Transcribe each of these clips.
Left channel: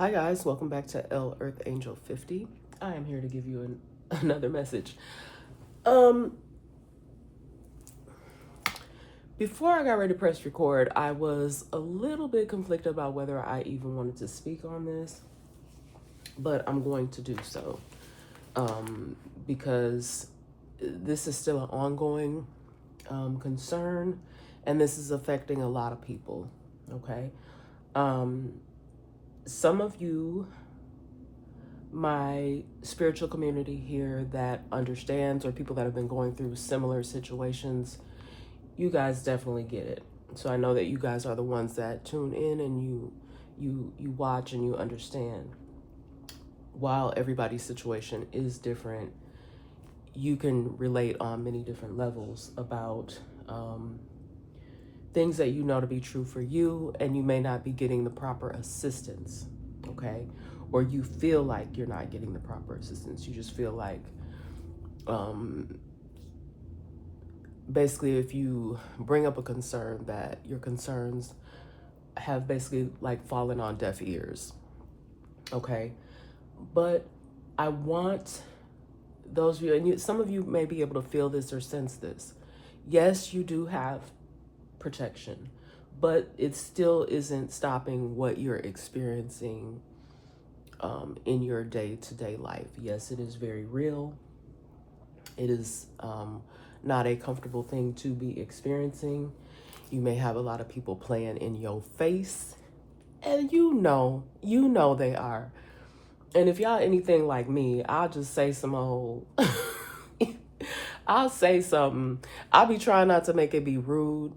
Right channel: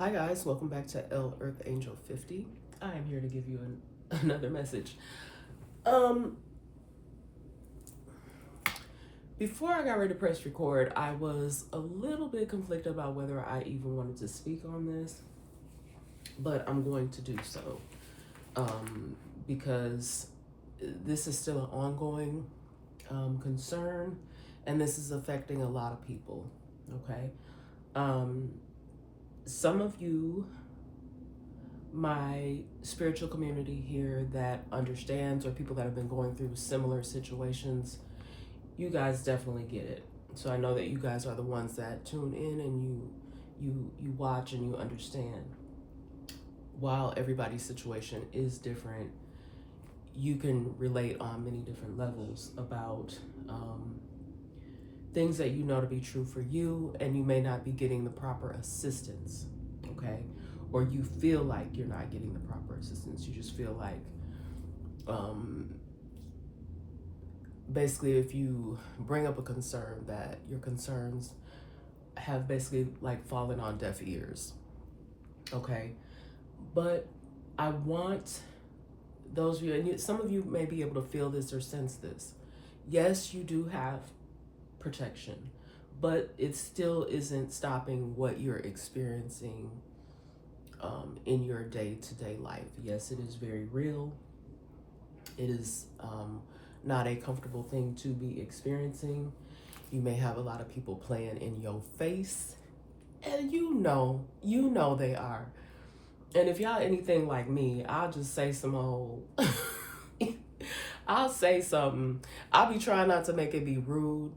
Hi guys, welcome back to L Earth Angel 50. I am here to give you another message. Um, Before I got ready to press record, I was a little bit conflicted about whether I even wanted to speak on this, but I'm going to do so because this is still an ongoing concern, and this is affecting a lot of people. Okay, um, some of you, my spiritual community here that understands, or people that have been going through similar situations, you guys definitely get it. So I know that you guys are the ones that tune in and you watch and you understand. While everybody's situation is different, you can relate on many different levels about things that you know to be true for you, and you may not be getting the proper assistance. Okay, or you feel like you're not getting the proper assistance. You just feel like basically, if you bring up a concern, that your concerns have basically like fallen on deaf ears. Okay, but I want those of you, and some of you may be able to feel this or sense this. Yes, you do have protection, but it still isn't stopping what you're experiencing in your day-to-day life. Yes, it is very real. It is not a comfortable thing to be experiencing. You may have a lot of people playing in your face, and you know they are. And if y'all anything like me, I'll just say some old. I'll say something. I'll be trying not to make it be rude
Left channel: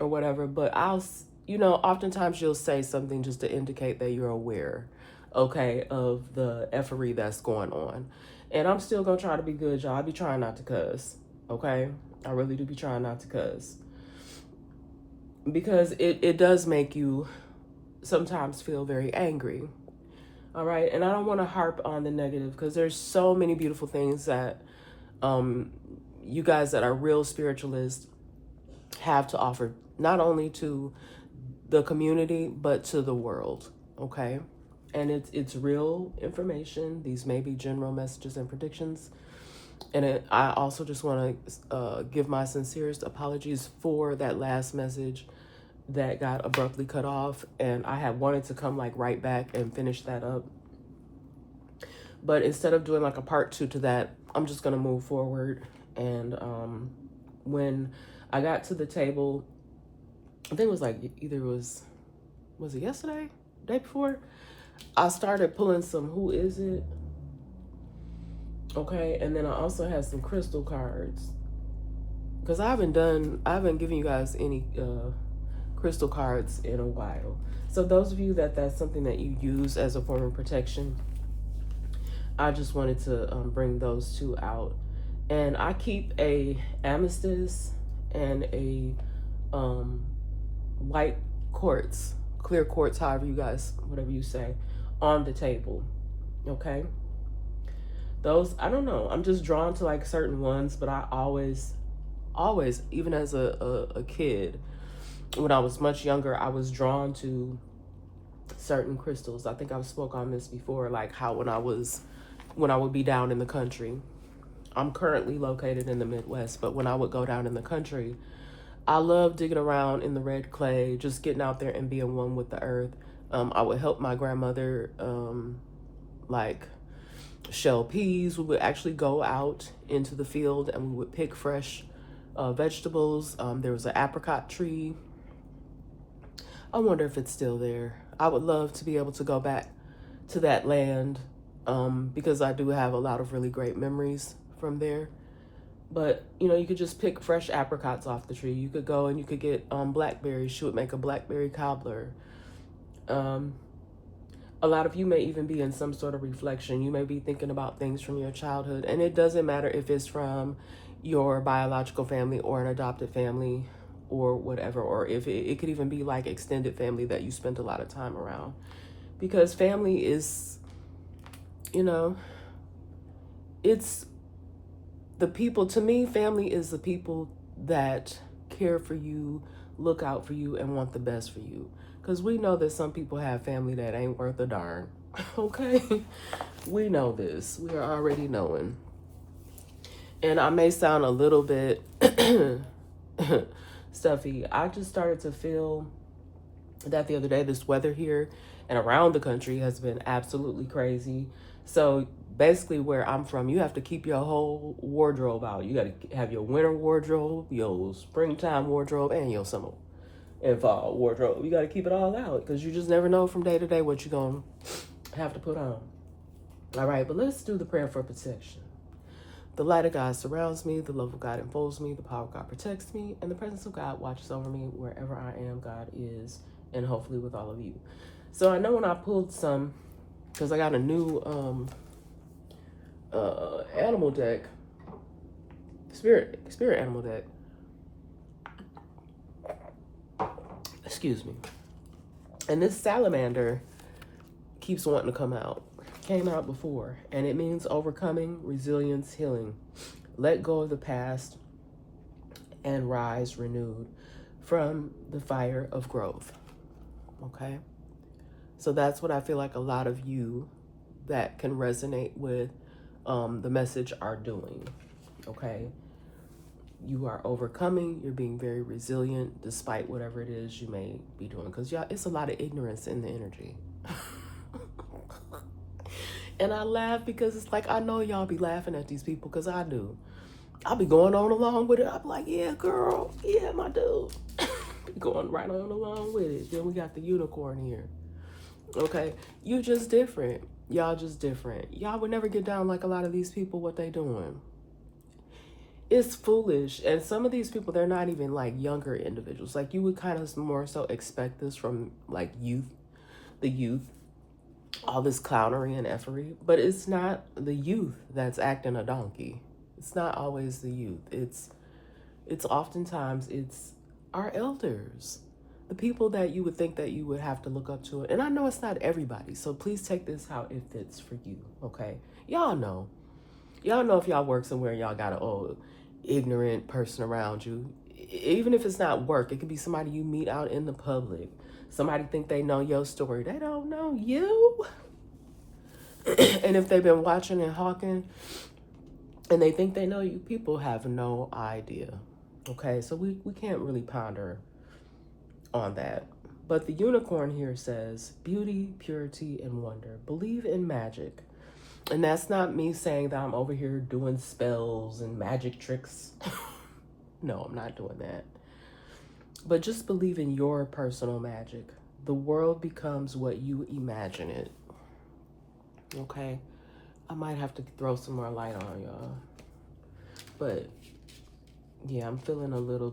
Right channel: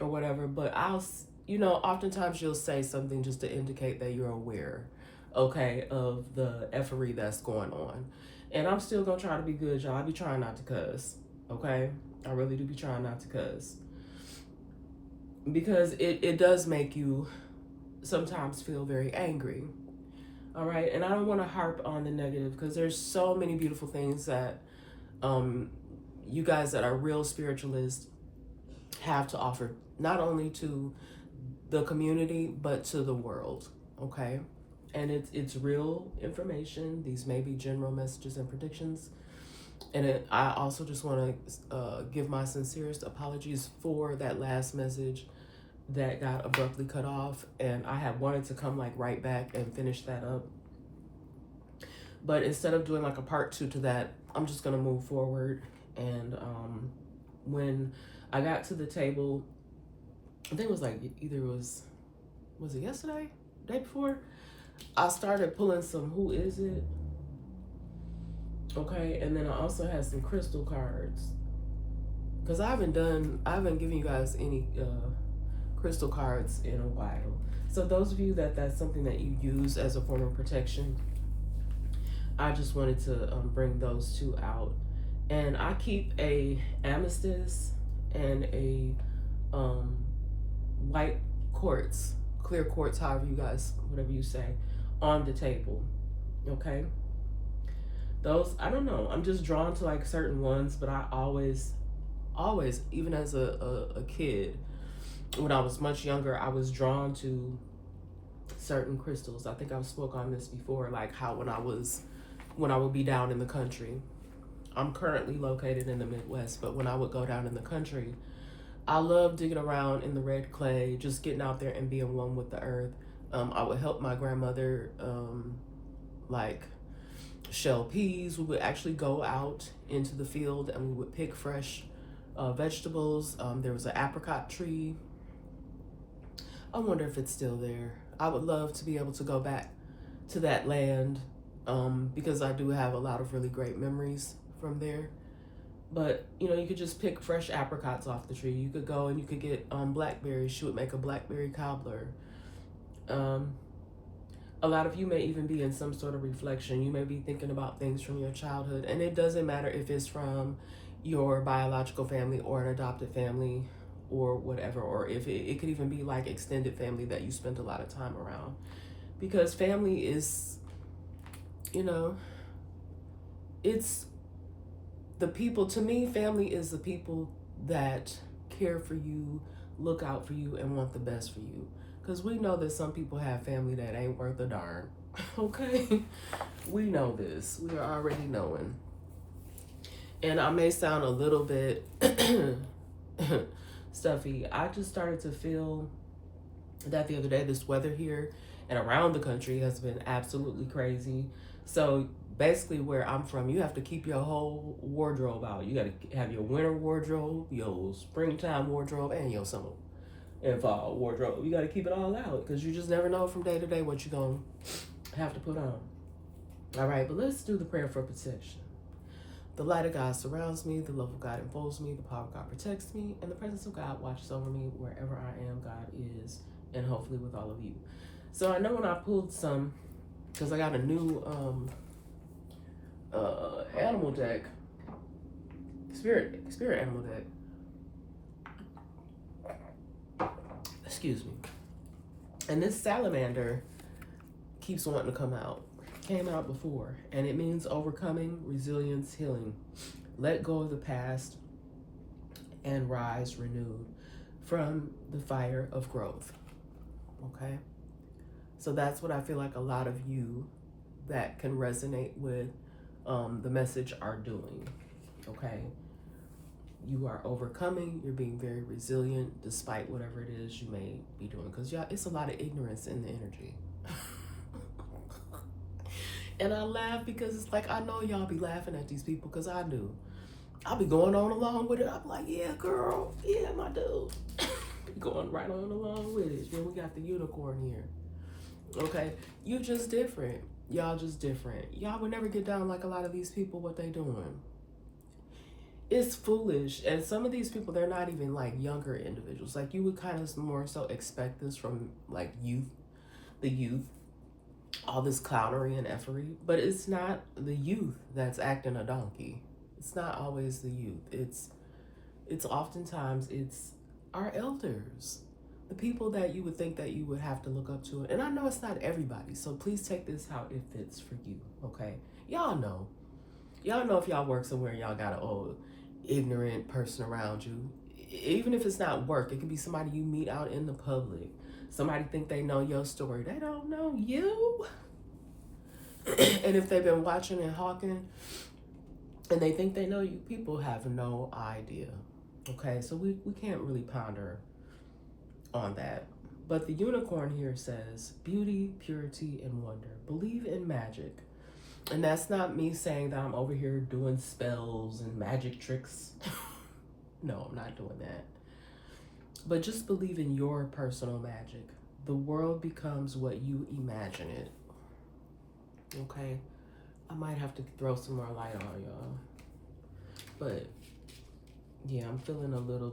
or whatever, but oftentimes you'll say something just to indicate that you're aware, okay, of the effery that's going on. And I'm still gonna try to be good, y'all. I be trying not to cuss, okay? I really do be trying not to cuss. Because it does make you sometimes feel very angry. All right. And I don't want to harp on the negative, because there's so many beautiful things that you guys that are real spiritualists have to offer, not only to the community, but to the world. Okay. And it's real information. These may be general messages and predictions. And I also just want to give my sincerest apologies for that last message that got abruptly cut off, and I had wanted to come like right back and finish that up, but instead of doing like a part two to that, I'm just gonna move forward. And when I got to the table, I think it was like either was it yesterday, day before, I started pulling some who is it, okay, and then I also had some crystal cards, because I haven't given you guys any crystal cards in a while. So those of you that's something that you use as a form of protection, I just wanted to bring those two out. And I keep a amethyst and a white quartz, clear quartz, however you guys, whatever you say, on the table. Okay. Those, I don't know, I'm just drawn to like certain ones, but I always, even as a kid, when I was much younger, I was drawn to certain crystals. I think I've spoke on this before, like how when I would be down in the country. I'm currently located in the Midwest, but when I would go down in the country, I love digging around in the red clay, just getting out there and being one with the earth. I would help my grandmother, like shell peas. We would actually go out into the field and we would pick fresh vegetables. There was an apricot tree. I wonder if it's still there. I would love to be able to go back to that land, because I do have a lot of really great memories from there. But you could just pick fresh apricots off the tree. You could go and you could get blackberries. She would make a blackberry cobbler. A lot of you may even be in some sort of reflection. You may be thinking about things from your childhood, and it doesn't matter if it's from your biological family or an adopted family or whatever, or if it could even be like extended family that you spent a lot of time around. Because family is, it's the people. To me, family is the people that care for you, look out for you, and want the best for you. Because we know that some people have family that ain't worth a darn. Okay? We know this. We are already knowing. And I may sound a little bit stuffy. I just started to feel that the other day. This weather here and around the country has been absolutely crazy. So basically, where I'm from, you have to keep your whole wardrobe out. You got to have your winter wardrobe, your springtime wardrobe, and your summer and fall wardrobe. You got to keep it all out because you just never know from day to day what you're going to have to put on. All right, but let's do the prayer for protection. The light of God surrounds me, the love of God enfolds me, the power of God protects me, and the presence of God watches over me wherever I am. God is, and hopefully with all of you. So I know when I pulled some, because I got a new animal deck, spirit animal deck. Excuse me. And this salamander keeps wanting to come out. Came out before, and it means overcoming, resilience, healing. Let go of the past and rise renewed from the fire of growth. Okay? So that's what I feel like a lot of you that can resonate with the message are doing. Okay? You are overcoming, you're being very resilient despite whatever it is you may be doing. Because, y'all, it's a lot of ignorance in the energy. And I laugh because it's like, I know y'all be laughing at these people because I do. I'll be going on along with it. I'll be like, yeah, girl. Yeah, my dude. Be going right on along with it. Then we got the unicorn here. Okay? You just different. Y'all just different. Y'all would never get down like a lot of these people, what they doing. It's foolish. And some of these people, they're not even like younger individuals. Like you would kind of more so expect this from like the youth. All this clownery and effery, but it's not the youth that's acting a donkey. It's not always the youth. It's oftentimes it's our elders, the people that you would think that you would have to look up to. And I know it's not everybody, so please take this how it fits for you. Okay, y'all know if y'all work somewhere, y'all got an old ignorant person around you. Even if it's not work, it could be somebody you meet out in the public. Somebody think they know your story. They don't know you. And if they've been watching and hawking and they think they know you, people have no idea. Okay, so we can't really ponder on that. But the unicorn here says beauty, purity, and wonder. Believe in magic. And that's not me saying that I'm over here doing spells and magic tricks. No, I'm not doing that. But just believe in your personal magic. The world becomes what you imagine it. Okay? I might have to throw some more light on y'all. But yeah, I'm feeling a little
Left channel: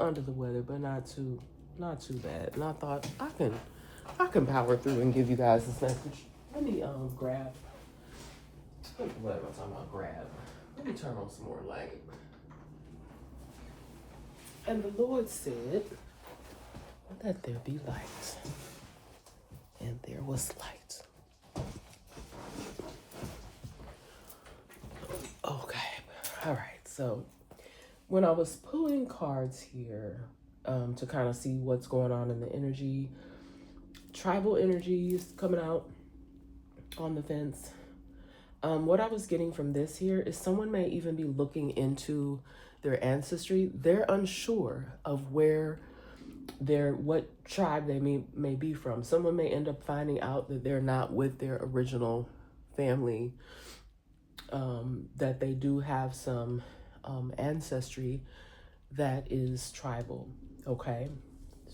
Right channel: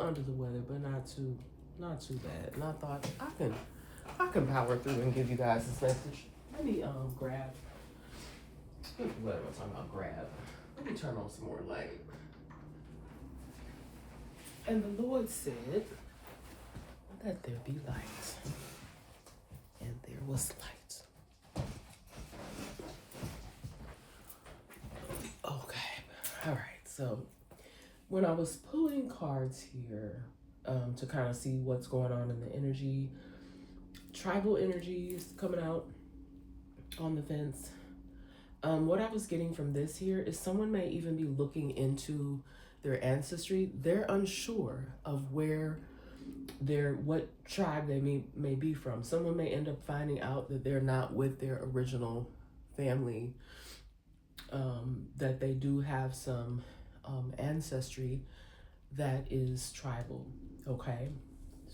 under the weather, but not too bad. And I thought I can power through and give you guys this message. Let me grab what am I talking about? Grab. Let me turn on some more light. And the Lord said, let there be light. And there was light. Okay. All right. So when I was pulling cards here to kind of see what's going on in the energy, tribal energies coming out on the fence. What I was getting from this here is someone may even be looking into their ancestry. They're unsure of what tribe they may be from. Someone may end up finding out that they're not with their original family, that they do have some ancestry that is tribal. Okay,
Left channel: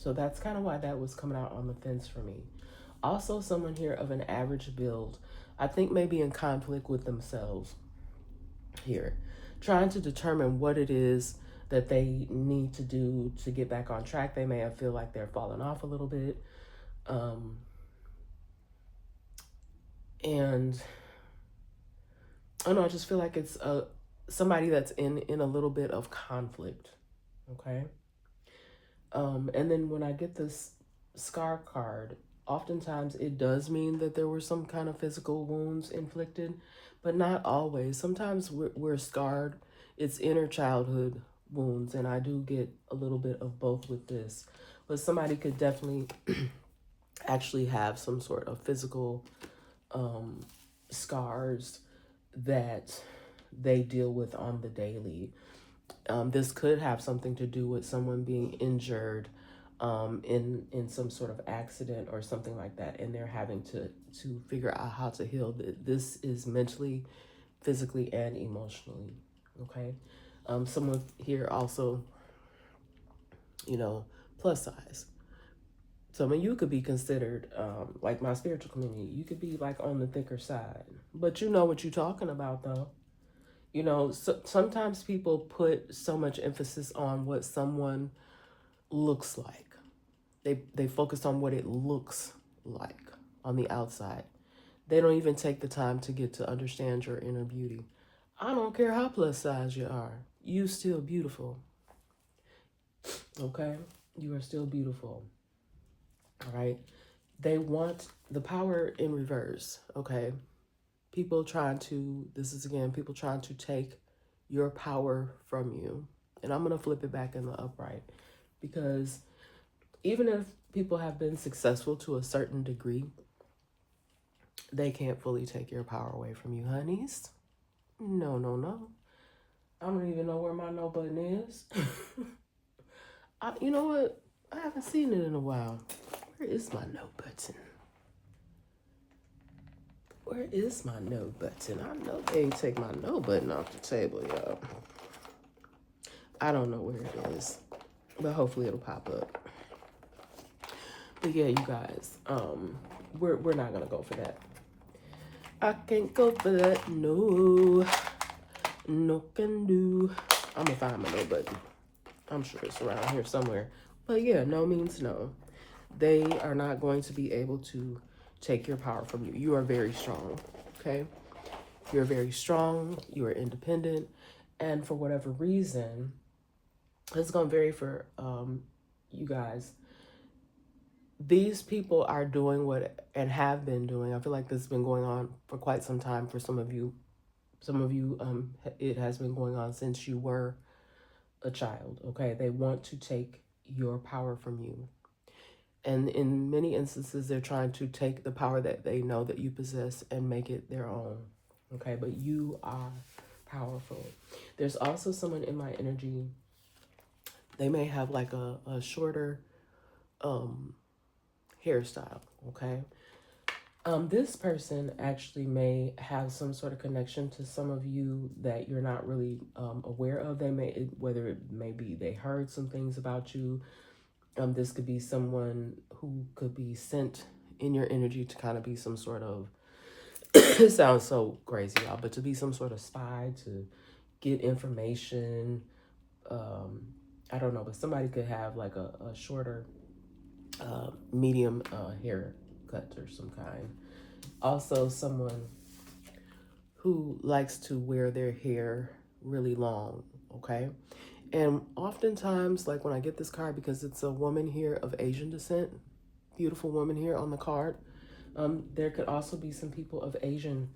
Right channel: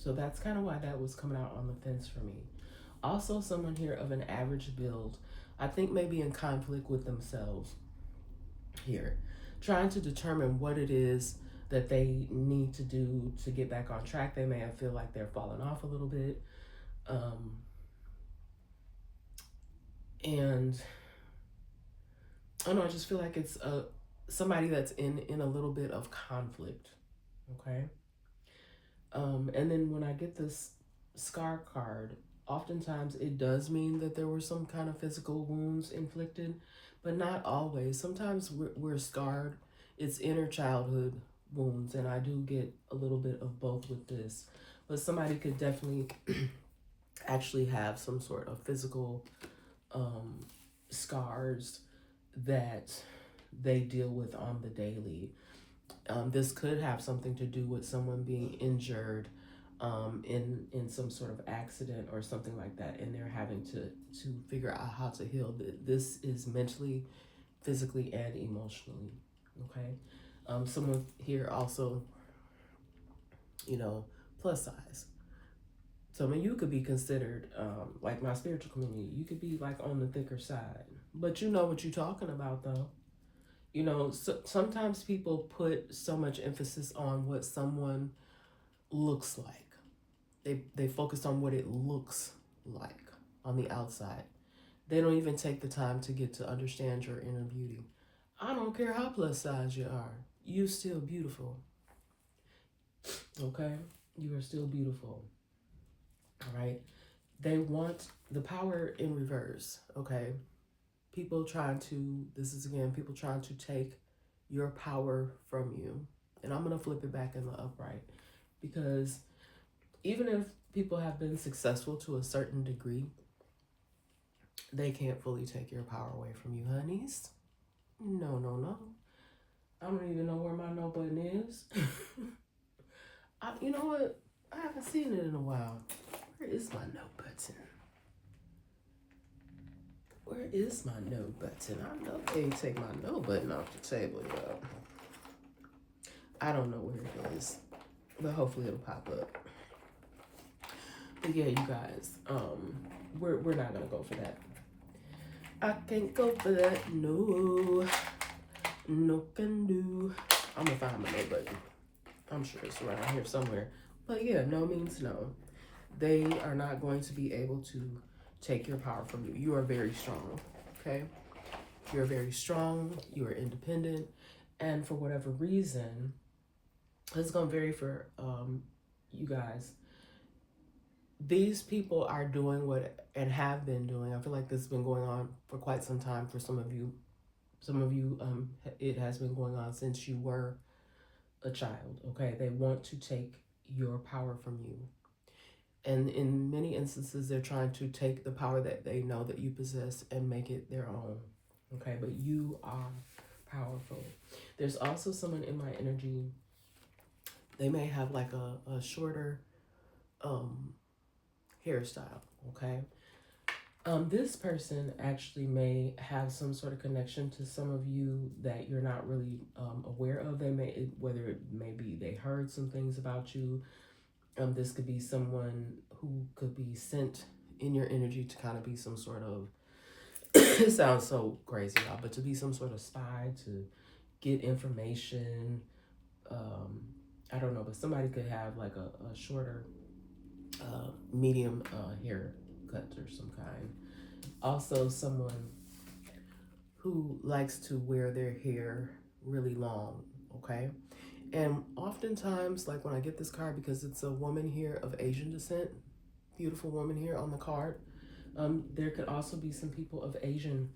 so that's kind of why that was coming out on the fence for me. Also, someone here of an average build, I think maybe in conflict with themselves here, trying to determine what it is that they need to do to get back on track. They may feel like they're falling off a little bit. And I don't know, I just feel like it's somebody that's in a little bit of conflict. Okay. And then when I get this scar card, oftentimes it does mean that there were some kind of physical wounds inflicted, but not always. Sometimes we're scarred. It's inner childhood wounds, and I do get a little bit of both with this. but somebody could definitely actually have some sort of physical scars that they deal with on the daily. This could have something to do with someone being injured in some sort of accident or something like that, and they're having to figure out how to heal. This is mentally, physically, and emotionally. Okay, someone here also, plus size. So I mean, you could be considered like my spiritual community. You could be like on the thicker side, but you know what you're talking about, though. Sometimes people put so much emphasis on what someone looks like. They focus on what it looks like on the outside. They don't even take the time to get to understand your inner beauty. I don't care how plus size you are. You still beautiful. Okay? You are still beautiful. All right? They want the power in reverse. Okay? People trying to take your power from you. And I'm going to flip it back in the upright, because even if people have been successful to a certain degree, they can't fully take your power away from you, honeys. No. I don't even know where my no button is. You know what? I haven't seen it in a while. Where is my no button? Where is my no button? I know they ain't take my no button off the table, y'all. I don't know where it is, but hopefully it'll pop up. But yeah, you guys, we're not gonna go for that. I can't go for that. No can do. I'm gonna find my no button. I'm sure it's around here somewhere. But yeah, no means no. They are not going to be able to take your power from you. You are very strong, okay? You're very strong. You are independent. And for whatever reason, it's going to vary for you guys. These people are doing and have been doing. I feel like this has been going on for quite some time for some of you. Some of you, it has been going on since you were a child, okay? They want to take your power from you. And in many instances, they're trying to take the power that they know that you possess and make it their own, okay? But you are powerful. There's also someone in my energy. They may have like a shorter hairstyle, okay? This person actually may have some sort of connection to some of you that you're not really aware of. Whether it may be they heard some things about you. This could be someone who could be sent in your energy to kind of be some sort of, it sounds so crazy, y'all, but to be some sort of spy, to get information. I don't know, but somebody could have like a shorter, medium haircut or some kind. Also, someone who likes to wear their hair really long, okay? And oftentimes, like when I get this card, because it's a woman here of Asian descent, beautiful woman here on the card, there could also be some people of Asian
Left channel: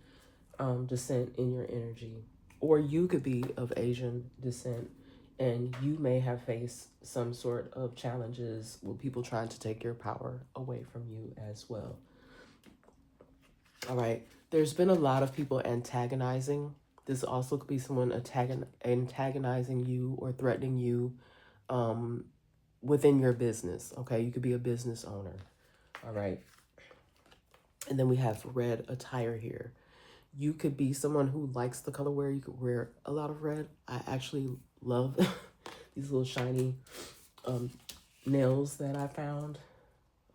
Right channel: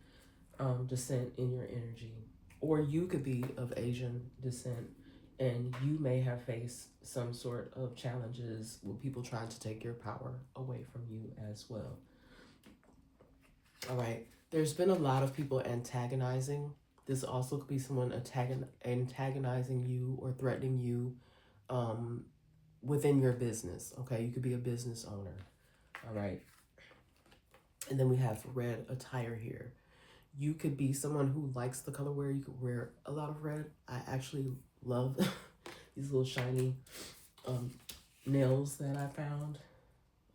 descent in your energy. Or you could be of Asian descent, and you may have faced some sort of challenges with people trying to take your power away from you as well. All right. There's been a lot of people antagonizing. This also could be someone antagonizing you or threatening you within your business, okay? You could be a business owner, all right? And then we have red attire here. You could be someone who likes the color where you could wear a lot of red. I actually love these little shiny nails that I found,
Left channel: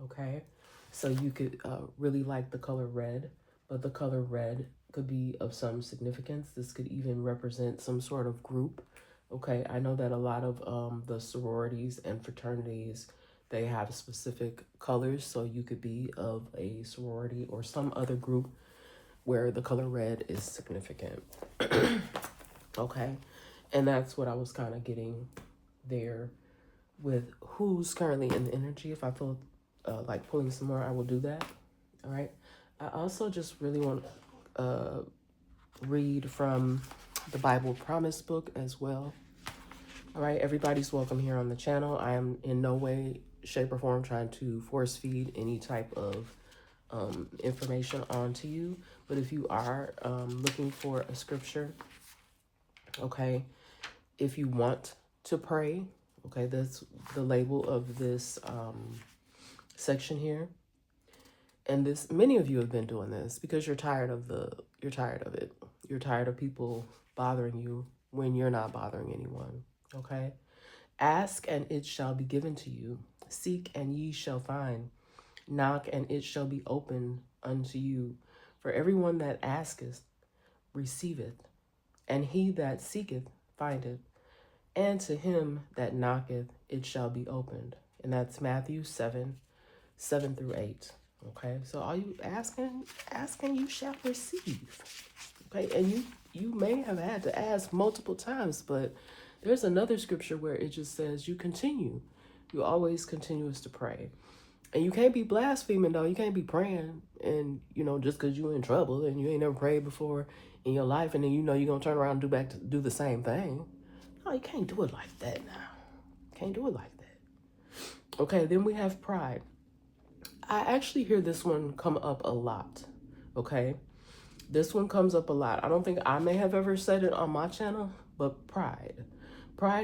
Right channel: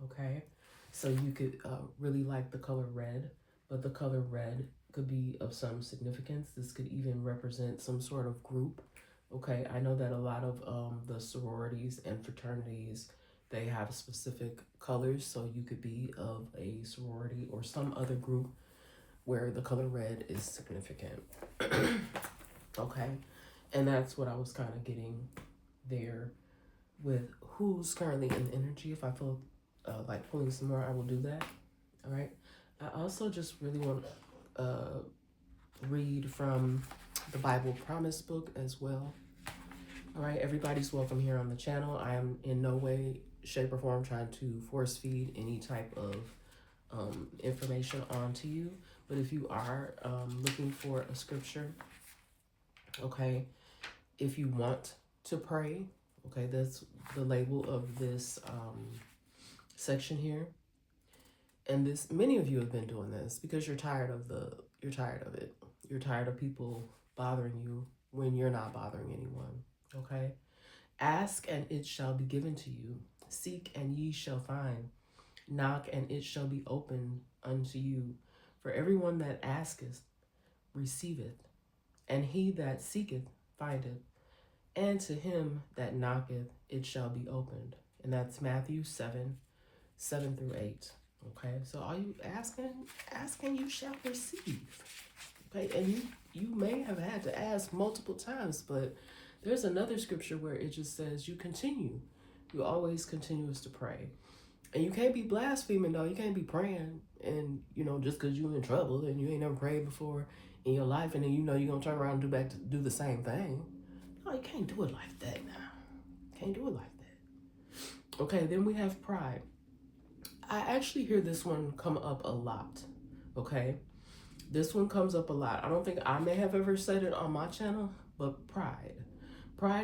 okay? So you could really like the color red, but the color red could be of some significance. This could even represent some sort of group, okay? I know that a lot of the sororities and fraternities, they have specific colors, so you could be of a sorority or some other group where the color red is significant, okay? And that's what I was kind of getting there with who's currently in the energy. If I feel like pulling some more, I will do that, all right? I also just really want to read from the Bible Promise book as well. All right, everybody's welcome here on the channel. I am in no way, shape, or form trying to force feed any type of information onto you. But if you are looking for a scripture, okay, if you want to pray, okay, that's the label of this section here. And this, many of you have been doing this because you're tired of it. You're tired of people bothering you when you're not bothering anyone. Okay. Ask and it shall be given to you. Seek and ye shall find. Knock and it shall be opened unto you. For everyone that asketh receiveth, and he that seeketh findeth, and to him that knocketh it shall be opened. And that's Matthew 7:7-8. Okay, so are you asking you shall receive. Okay, and you may have had to ask multiple times, but there's another scripture where it just says you always continues to pray. And you can't be blaspheming, though. You can't be praying and just because you're in trouble and you ain't never prayed before in your life, and then you're gonna turn around and do the same thing. No, you can't do it like that now. Can't do it like that. Okay, then we have pride. I actually hear this one come up a lot. Okay, this one comes up a lot. I don't think I may have ever said it on my channel, but pride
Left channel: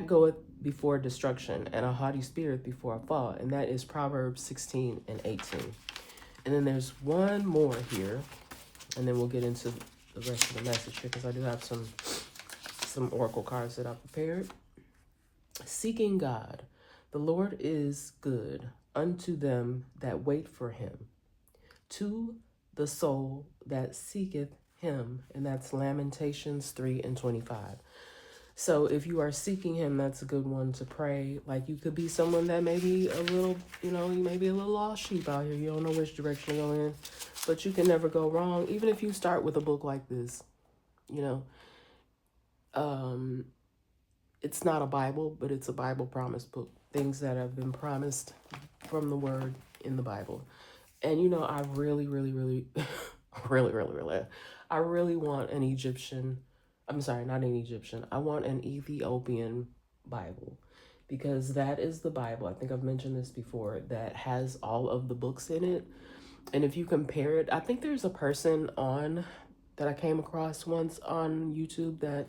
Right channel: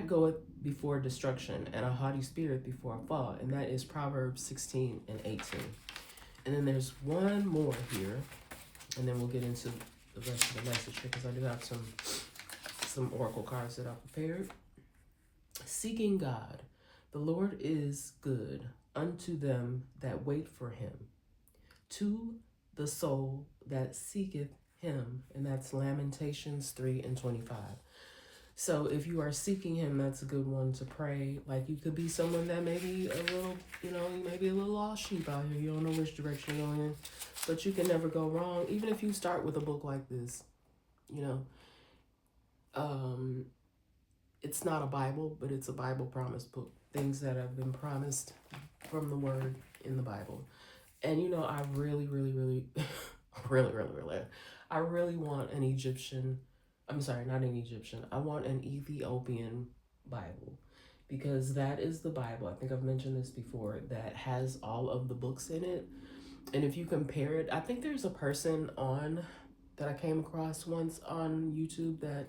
goeth before destruction, and a haughty spirit before a fall. And that is Proverbs 16:18. And then there's one more here, and then we'll get into the rest of the message here, because I do have some oracle cards that I prepared. Seeking God, the Lord is good unto them that wait for him, to the soul that seeketh him. And that's Lamentations 3:25. So if you are seeking him, that's a good one to pray. Like, you could be someone that may be a little, you may be a little lost sheep out here. You don't know which direction to go in, but you can never go wrong. Even if you start with a book like this, it's not a Bible, but it's a Bible promise book. Things that have been promised from the word in the Bible. And I really, really, really, really, really, really, I really want an Egyptian. I'm sorry, not an Egyptian. I want an Ethiopian Bible, because that is the Bible. I think I've mentioned this before, that has all of the books in it. And if you compare it, I think there's a person that I came across once on YouTube that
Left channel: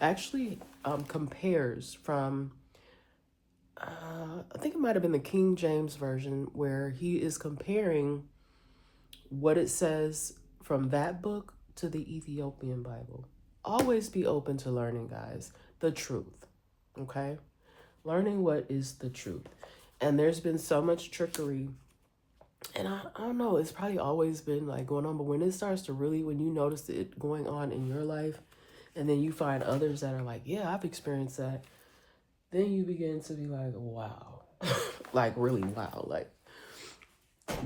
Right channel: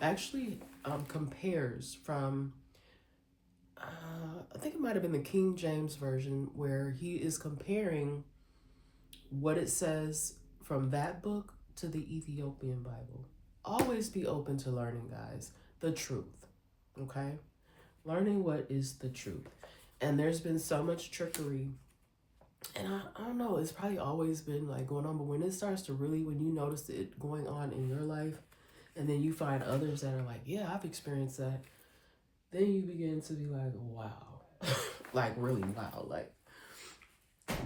actually compares from, I think it might have been the King James Version, where he is comparing what it says from that book to the Ethiopian Bible. Always be open to learning, guys, the truth, okay? Learning what is the truth. And there's been so much trickery, and I don't know, it's probably always been like going on, but when it starts to really, when you notice it going on in your life, and then you find others that are like, yeah, I've experienced that, then you begin to be like, wow, like really wow, like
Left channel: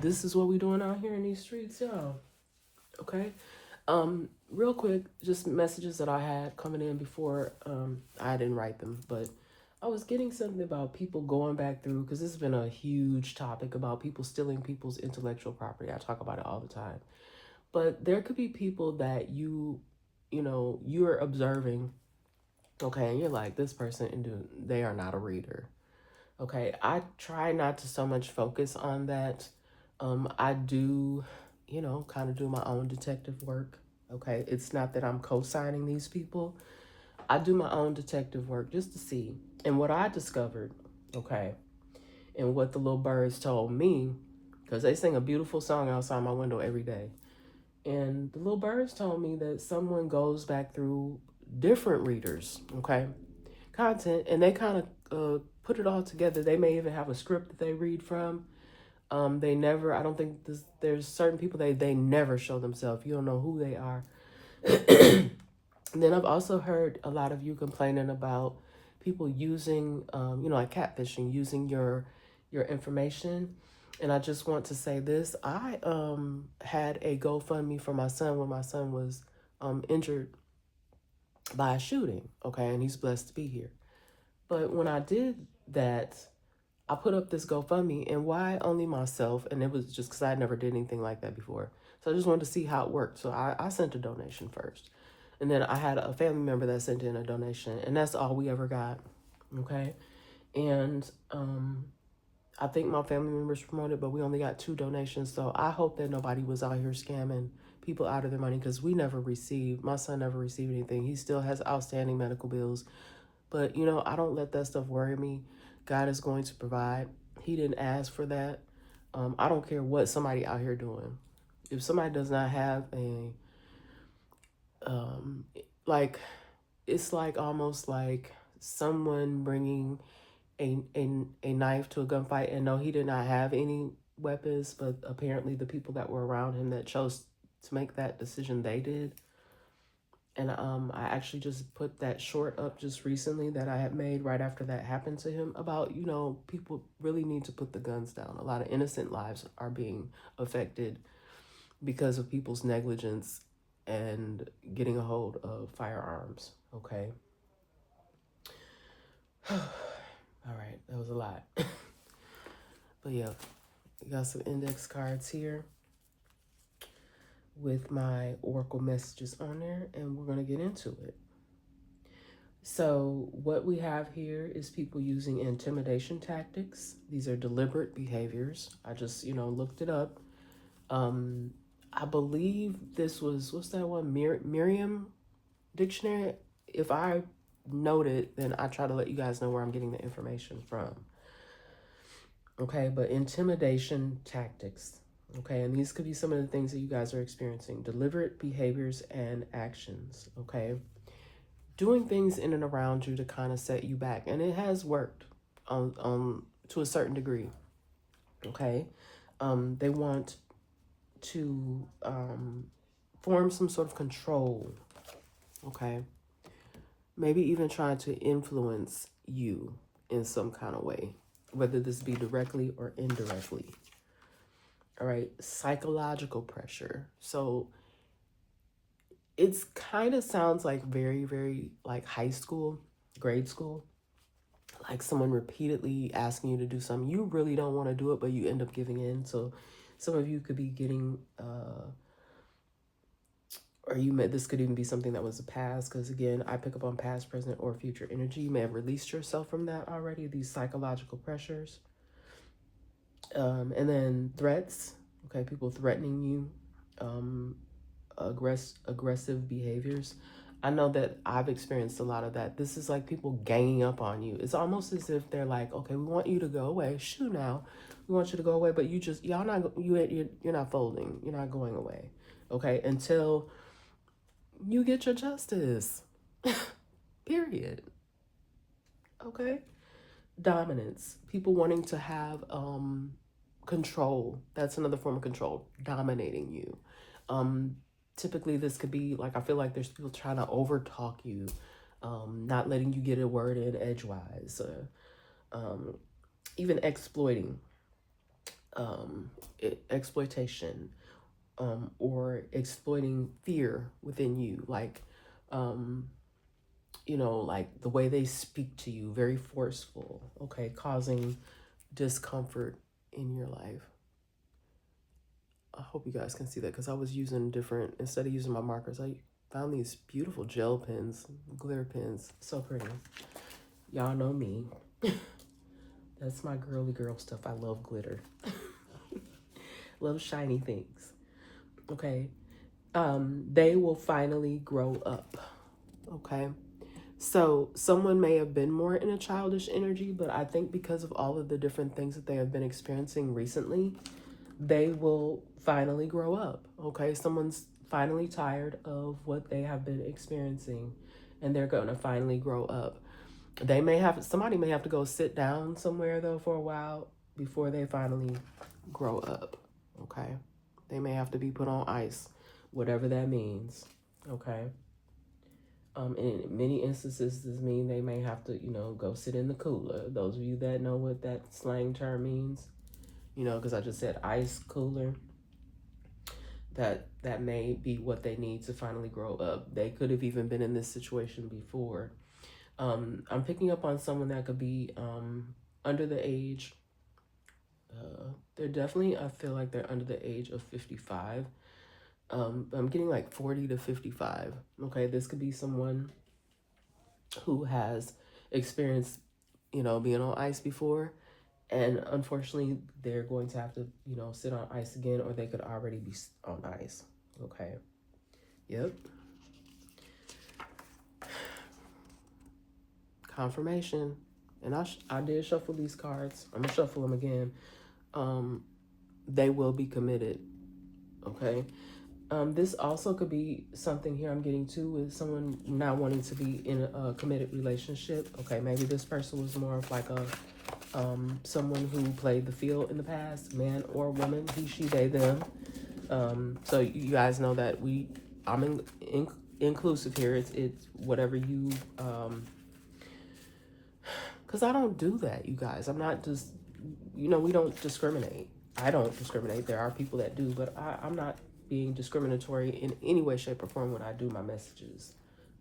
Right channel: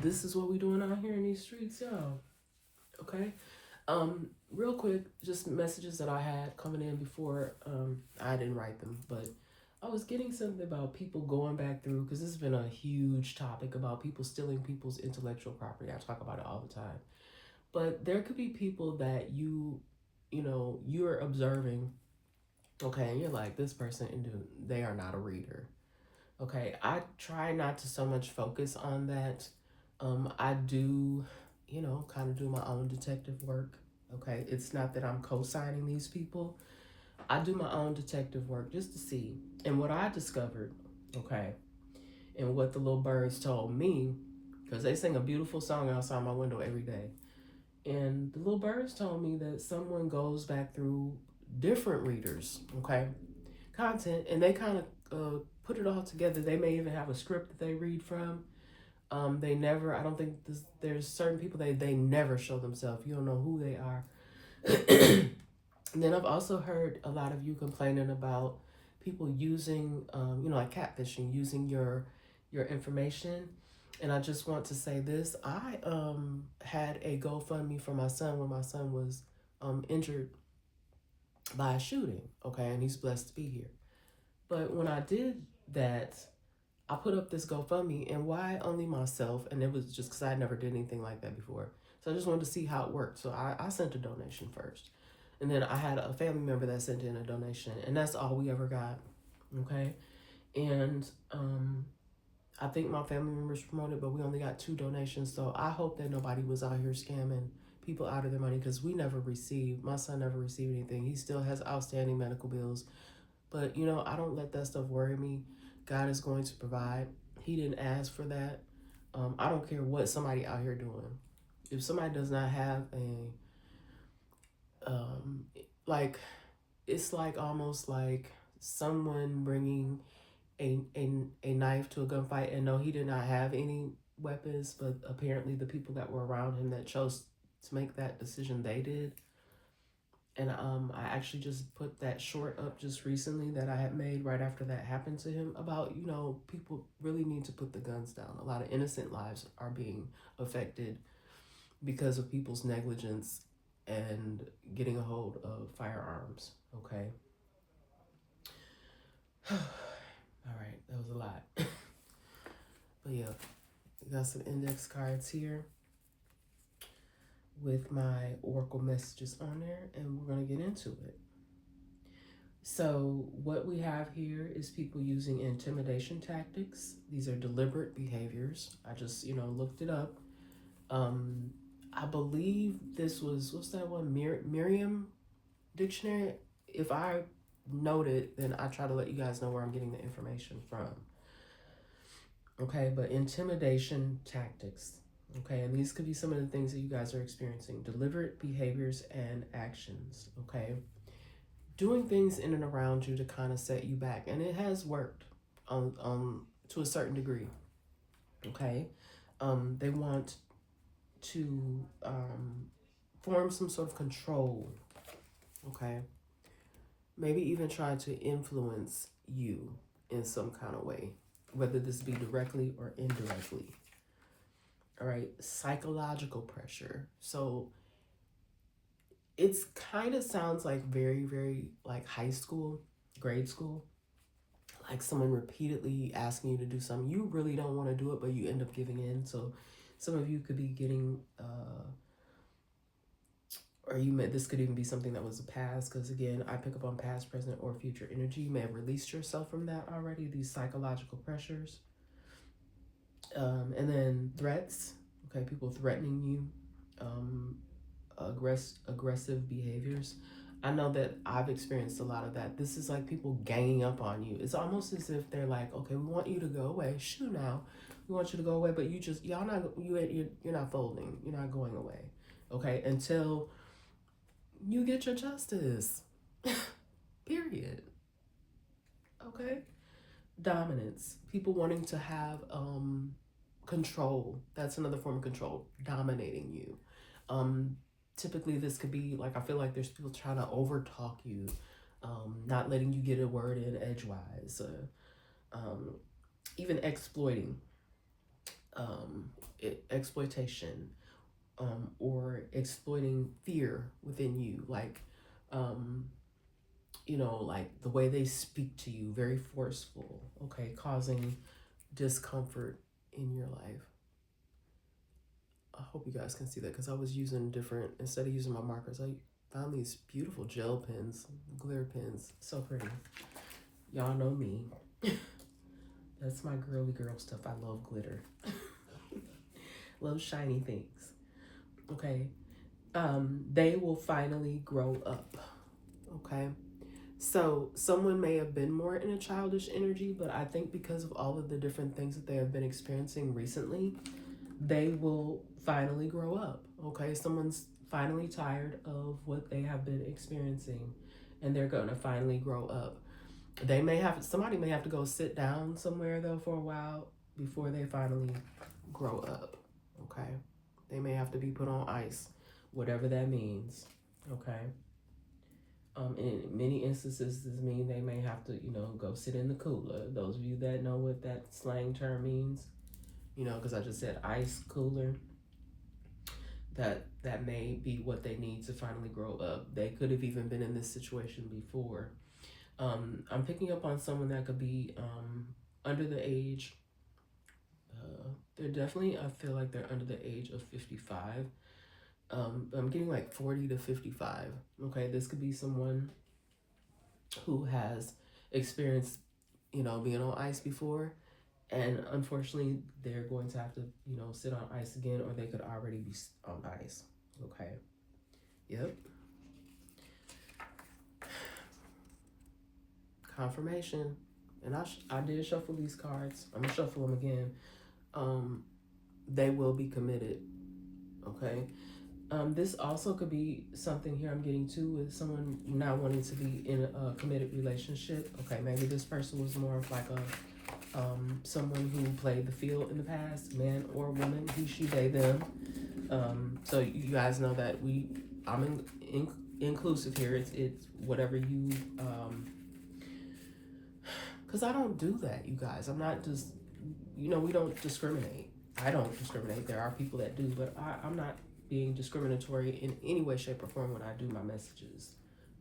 this is what we're doing out here in these streets, y'all. Okay. Real quick, just messages that I had coming in before. I didn't write them, but I was getting something about people going back through, because this has been a huge topic about people stealing people's intellectual property. I talk about it all the time. But there could be people that you're observing, okay, and you're like, this person, they are not a reader. Okay, I try not to so much focus on that. I do, kind of do my own detective work. Okay, it's not that I'm co-signing these people. I do my own detective work just to see. And what I discovered, okay, and what the little birds told me, because they sing a beautiful song outside my window every day. And the little birds told me that someone goes back through different readers, okay, content, and they kind of put it all together. They may even have a script that they read from. They never, I don't think there's certain people they never show themselves. You don't know who they are. And then I've also heard a lot of you complaining about people using, like catfishing, using your information. And I just want to say this. I had a GoFundMe for my son when my son was injured by a shooting, okay? And he's blessed to be here. But when I did that, I put up this GoFundMe, and why only myself? And it was just because I never did anything like that before. So I just wanted to see how it worked. So I sent a donation first. And then I had a family member that sent in a donation, and that's all we ever got, okay? And I think my family members promoted, but we only got 2 donations. So I hope that nobody was out here scamming people out of their money, because my son never received anything. He still has outstanding medical bills. But, I don't let that stuff worry me. God is going to provide. He didn't ask for that. I don't care what somebody out here doing. If somebody does not have like, it's like almost like someone bringing a knife to a gunfight, and no, he did not have any weapons, but apparently the people that were around him that chose to make that decision, they did. And I actually just put that short up just recently that I had made right after that happened to him about, people really need to put the guns down. A lot of innocent lives are being affected because of people's negligence and getting a hold of firearms. Okay. All right, that was a lot. But yeah, we got some index cards here with my oracle messages on there, and we're going to get into it. So what we have here is people using intimidation tactics. These are deliberate behaviors. I just, looked it up. I believe this was, what's that one? Merriam Dictionary. If I note it, then I try to let you guys know where I'm getting the information from. Okay, but intimidation tactics. Okay, and these could be some of the things that you guys are experiencing. Deliberate behaviors and actions. Okay, doing things in and around you to kind of set you back, and it has worked on to a certain degree. Okay, they want to form some sort of control. Okay, maybe even trying to influence you in some kind of way, whether this be directly or indirectly. All right, psychological pressure. So it's kind of sounds like very, very like high school, grade school, like someone repeatedly asking you to do something. You really don't want to do it, but you end up giving in. So some of you could be getting, this could even be something that was a past, because again, I pick up on past, present, or future energy. You may have released yourself from that already, these psychological pressures. And then threats, okay, people threatening you, aggressive behaviors. I know that I've experienced a lot of that. This is like people ganging up on you. It's almost as if they're like, okay, we want you to go away. Shoo now. We want you to go away, but you're not folding. You're not going away. Okay, until you get your justice. Period. Okay? Dominance. People wanting to have control. That's another form of control. Dominating you. Typically this could be like, I feel like there's people trying to over talk you, not letting you get a word in edgewise, even exploiting, exploitation, or exploiting fear within you, like like the way they speak to you, very forceful, okay, causing discomfort in your life. I hope you guys can see that, because I was using instead of using my markers, I found these beautiful gel pens, glitter pens. So pretty. Y'all know me. That's my girly girl stuff. I love glitter. Love shiny things. Okay. They will finally grow up. Okay. So someone may have been more in a childish energy, but I think because of all of the different things that they have been experiencing recently, they will finally grow up. Okay, someone's finally tired of what they have been experiencing, and they're going to finally grow up. Somebody may have to go sit down somewhere though for a while before they finally grow up. Okay, they may have to be put on ice, whatever that means. Okay. In many instances, this means they may have to, go sit in the cooler. Those of you that know what that slang term means, because I just said ice cooler, that may be what they need to finally grow up. They could have even been in this situation before. I'm picking up on someone that could be under the age, they're definitely, I feel like they're under the age of 55. I'm getting like 40 to 55. Okay, this could be someone who has experienced, being on ice before, And unfortunately, they're going to have to, sit on ice again, or they could already be on ice. Okay. Yep. Confirmation. And I did shuffle these cards. I'm gonna shuffle them again. They will be committed. Okay. This also could be something here I'm getting to with someone not wanting to be in a committed relationship. Okay, maybe this person was more of like a someone who played the field in the past, man or woman, he, she, they, them. So you guys know that I'm inclusive here. It's whatever you, because I don't do that, you guys. I'm not just, we don't discriminate. I don't discriminate. There are people that do, but I'm not being discriminatory in any way, shape, or form when I do my messages.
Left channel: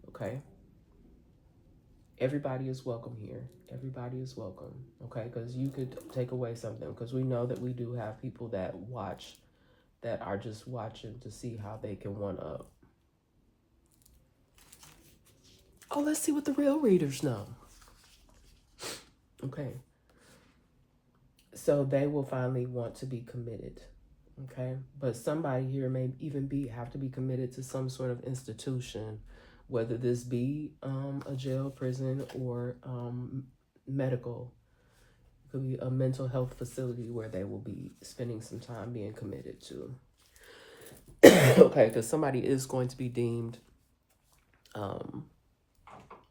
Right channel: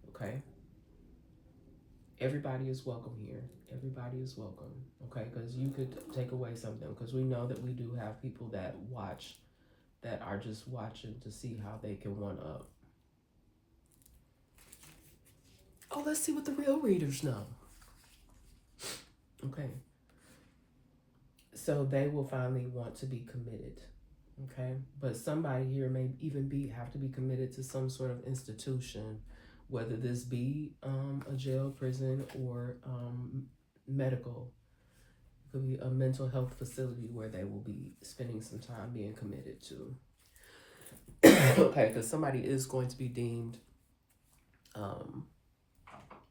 Okay? Everybody is welcome here. Everybody is welcome. Okay? Because you could take away something. Because we know that we do have people that watch, that are just watching to see how they can one up. Oh, let's see what the real readers know. Okay. So they will finally want to be committed. Okay. But somebody here may even have to be committed to some sort of institution, whether this be a jail, prison, or medical. It could be a mental health facility where they will be spending some time being committed to. Okay, because somebody is going to be deemed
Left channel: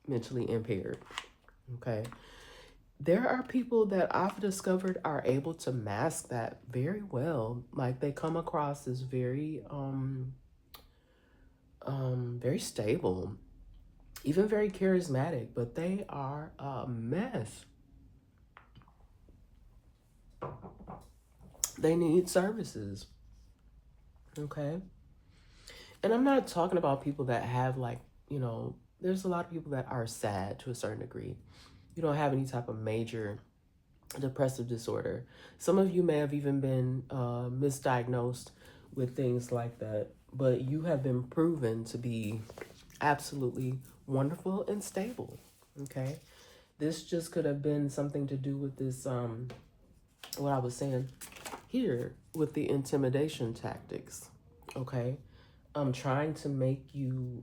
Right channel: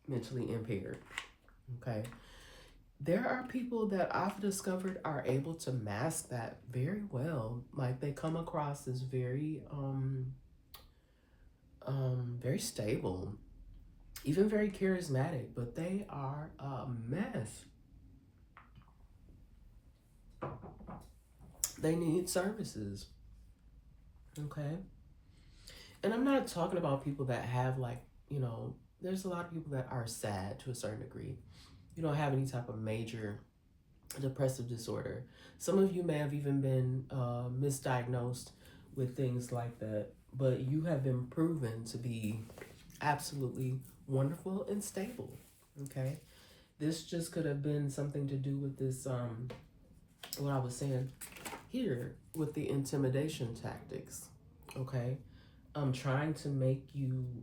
mentally impaired. Okay. There are people that I've discovered are able to mask that very well. Like they come across as very very stable, even very charismatic, but they are a mess. They need services. Okay. And I'm not talking about people that have there's a lot of people that are sad to a certain degree. You don't have any type of major depressive disorder. Some of you may have even been misdiagnosed with things like that, but you have been proven to be absolutely wonderful and stable. Okay. This just could have been something to do with this, what I was saying here with the intimidation tactics. Okay. Trying to make you,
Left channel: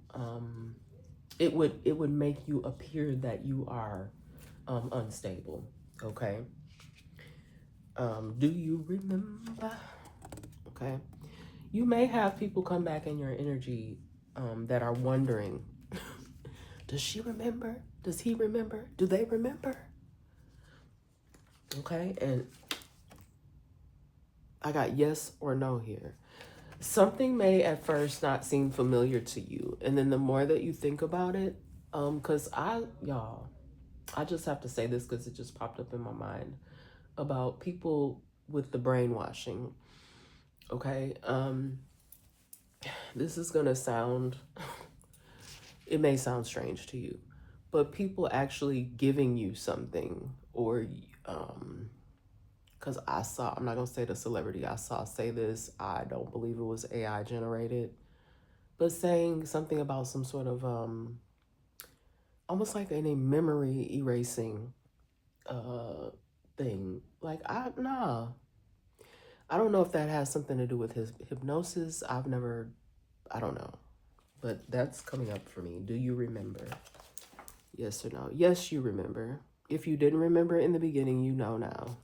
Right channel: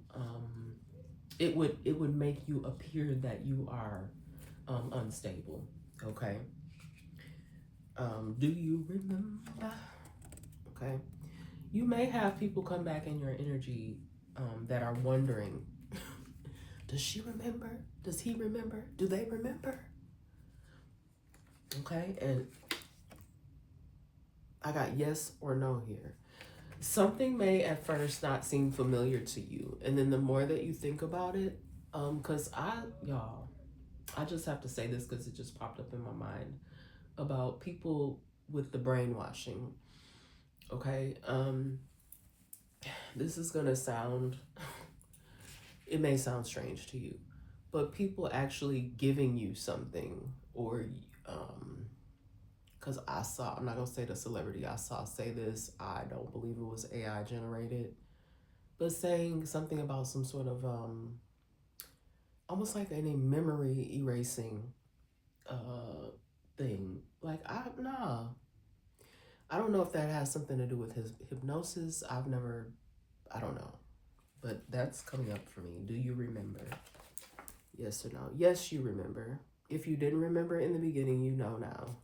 it would make you appear that you are unstable. Okay. Do you remember? Okay. You may have people come back in your energy that are wondering, does she remember? Does he remember? Do they remember? Okay. And I got yes or no here. Something may at first not seem familiar to you. And then the more that you think about it, because I just have to say this because it just popped up in my mind about people with the brainwashing. Okay. This is going to sound, it may sound strange to you, but people actually giving you something, or, because I'm not going to say the celebrity I saw say this, I don't believe it was AI generated, but saying something about some sort of, almost like a memory erasing thing. Like, I don't know if that has something to do with his hypnosis. I don't know. But that's coming up for me. Do you remember? Yes or no? Yes, you remember. If you didn't remember in the beginning, you know now.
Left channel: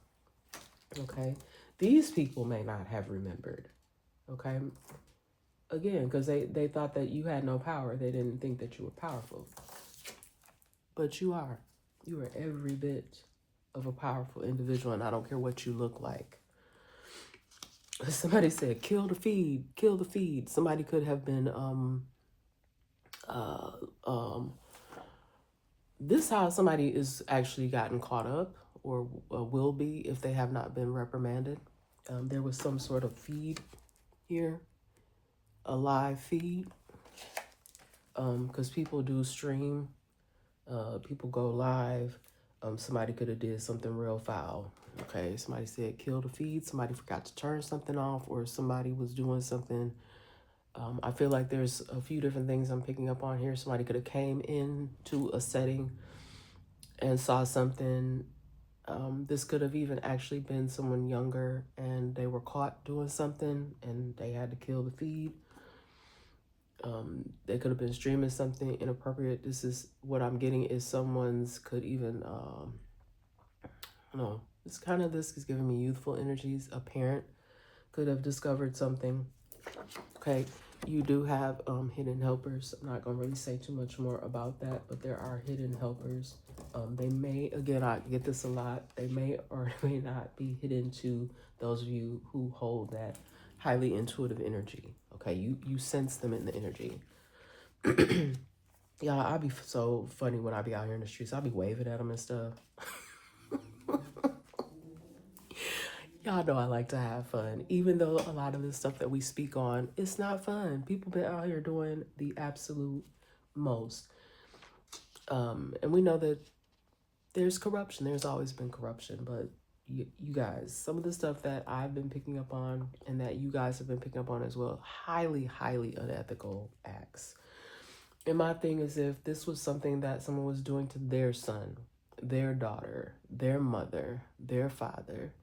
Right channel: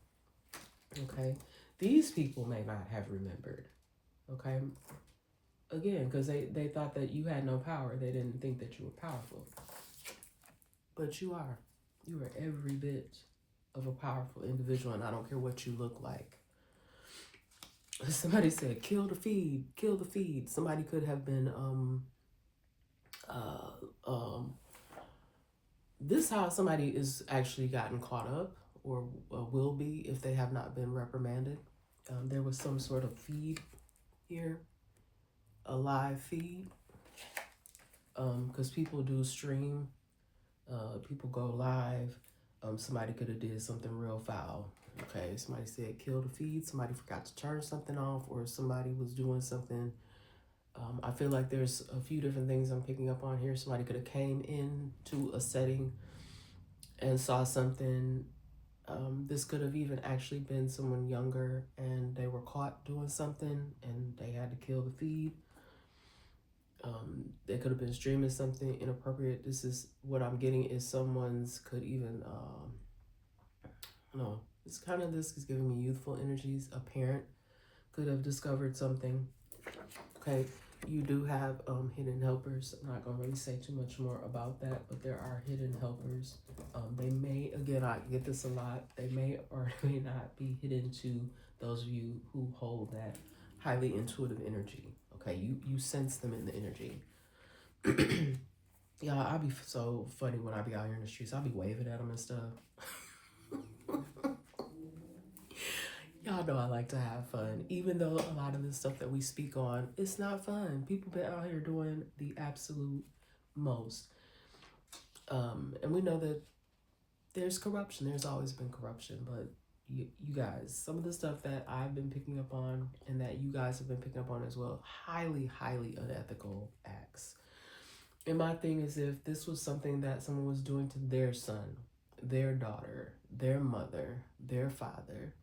Okay? These people may not have remembered. Okay? Again, because they thought that you had no power. They didn't think that you were powerful. But you are. You are every bit of a powerful individual, and I don't care what you look like. Somebody said, kill the feed, kill the feed. Somebody could have been, this how somebody is actually gotten caught up, or will be if they have not been reprimanded. There was some sort of feed here, a live feed, because people do stream, people go live. Somebody could have did something real foul. Okay, somebody said kill the feed, somebody forgot to turn something off, or somebody was doing something. I feel like there's a few different things I'm picking up on here. Somebody could have came in to a setting and saw something This could have even actually been someone younger and they were caught doing something and they had to kill the feed. They could have been streaming something inappropriate. This is what I'm getting is someone's could even, no, it's kind of, this is giving me youthful energies. A parent could have discovered something. Okay, you do have hidden helpers. I'm not gonna really say too much more about that, but there are hidden helpers. They may, again, I get this a lot, they may or may not be hidden to those of you who hold that highly intuitive energy. Okay, you sense them in the energy. Yeah, I'll be so funny when I be out here in the streets. I'll be waving at them and stuff. Y'all know I like to have fun, even though a lot of the stuff that we speak on, it's not fun. People been out here doing the absolute most. And we know that there's corruption. There's always been corruption, but you guys, some of the stuff that I've been picking up on and that you guys have been picking up on as well, highly, highly unethical acts. And my thing is, if this was something that someone was doing to their son, their daughter, their mother, their father,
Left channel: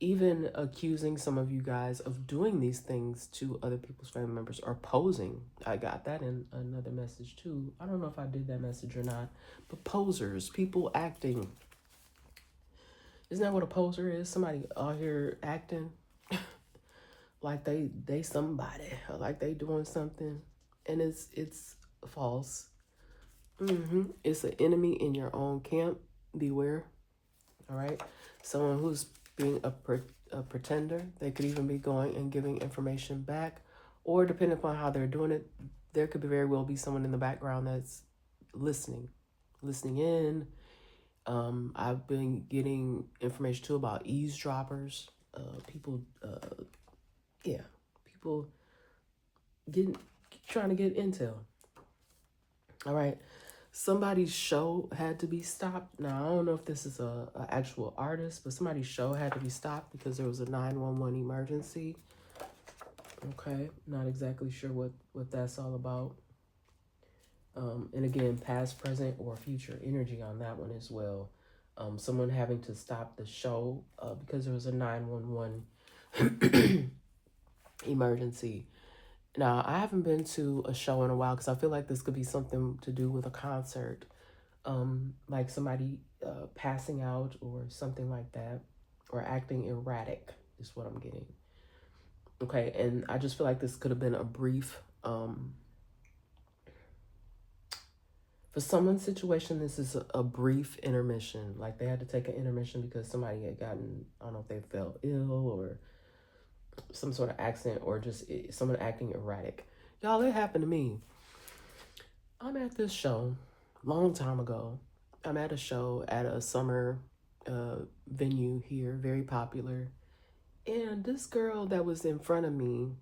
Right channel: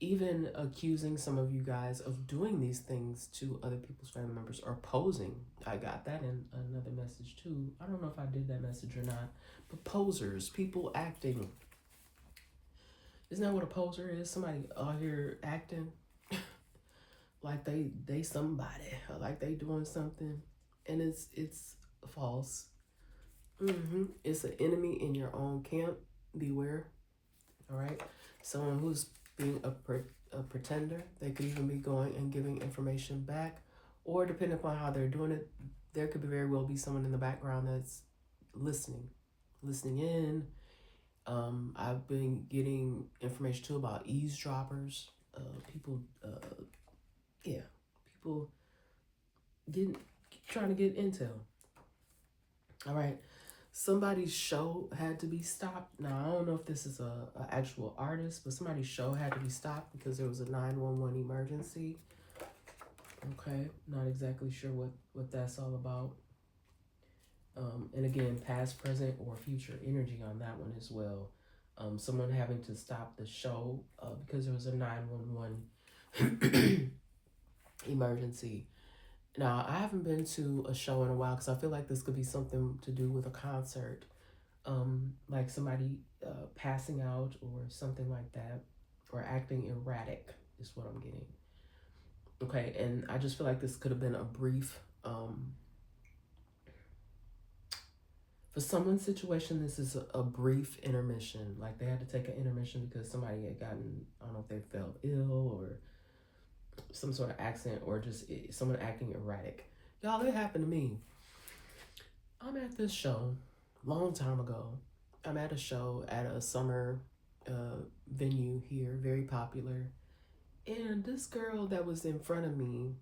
even accusing some of you guys of doing these things to other people's family members or posing. I got that in another message too. I don't know if I did that message or not, but posers, people acting. Isn't that what a poser is? Somebody out here acting like they somebody, or like they doing something, and it's false. It's an enemy in your own camp. Beware. All right, someone who's being a pretender. They could even be going and giving information back, or depending upon how they're doing it, there could very well be someone in the background that's listening in. I've been getting information too about eavesdroppers, people, people trying to get intel. All right, somebody's show had to be stopped. Now I don't know if this is a actual artist, but somebody's show had to be stopped because there was a 911 emergency. Okay, not exactly sure what that's all about. And again, past, present, or future energy on that one as well. Someone having to stop the show because there was a 911 emergency. Now, I haven't been to a show in a while because I feel like this could be something to do with a concert, like somebody passing out or something like that, or acting erratic is what I'm getting. Okay, and I just feel like this could have been a brief, for someone's situation, this is a brief intermission. Like they had to take an intermission because somebody had gotten, I don't know if they felt ill or some sort of accident or just someone acting erratic. Y'all, it happened to me. I'm at this show long time ago. I'm at a show at a summer venue here, very popular. And this girl that was in front of me,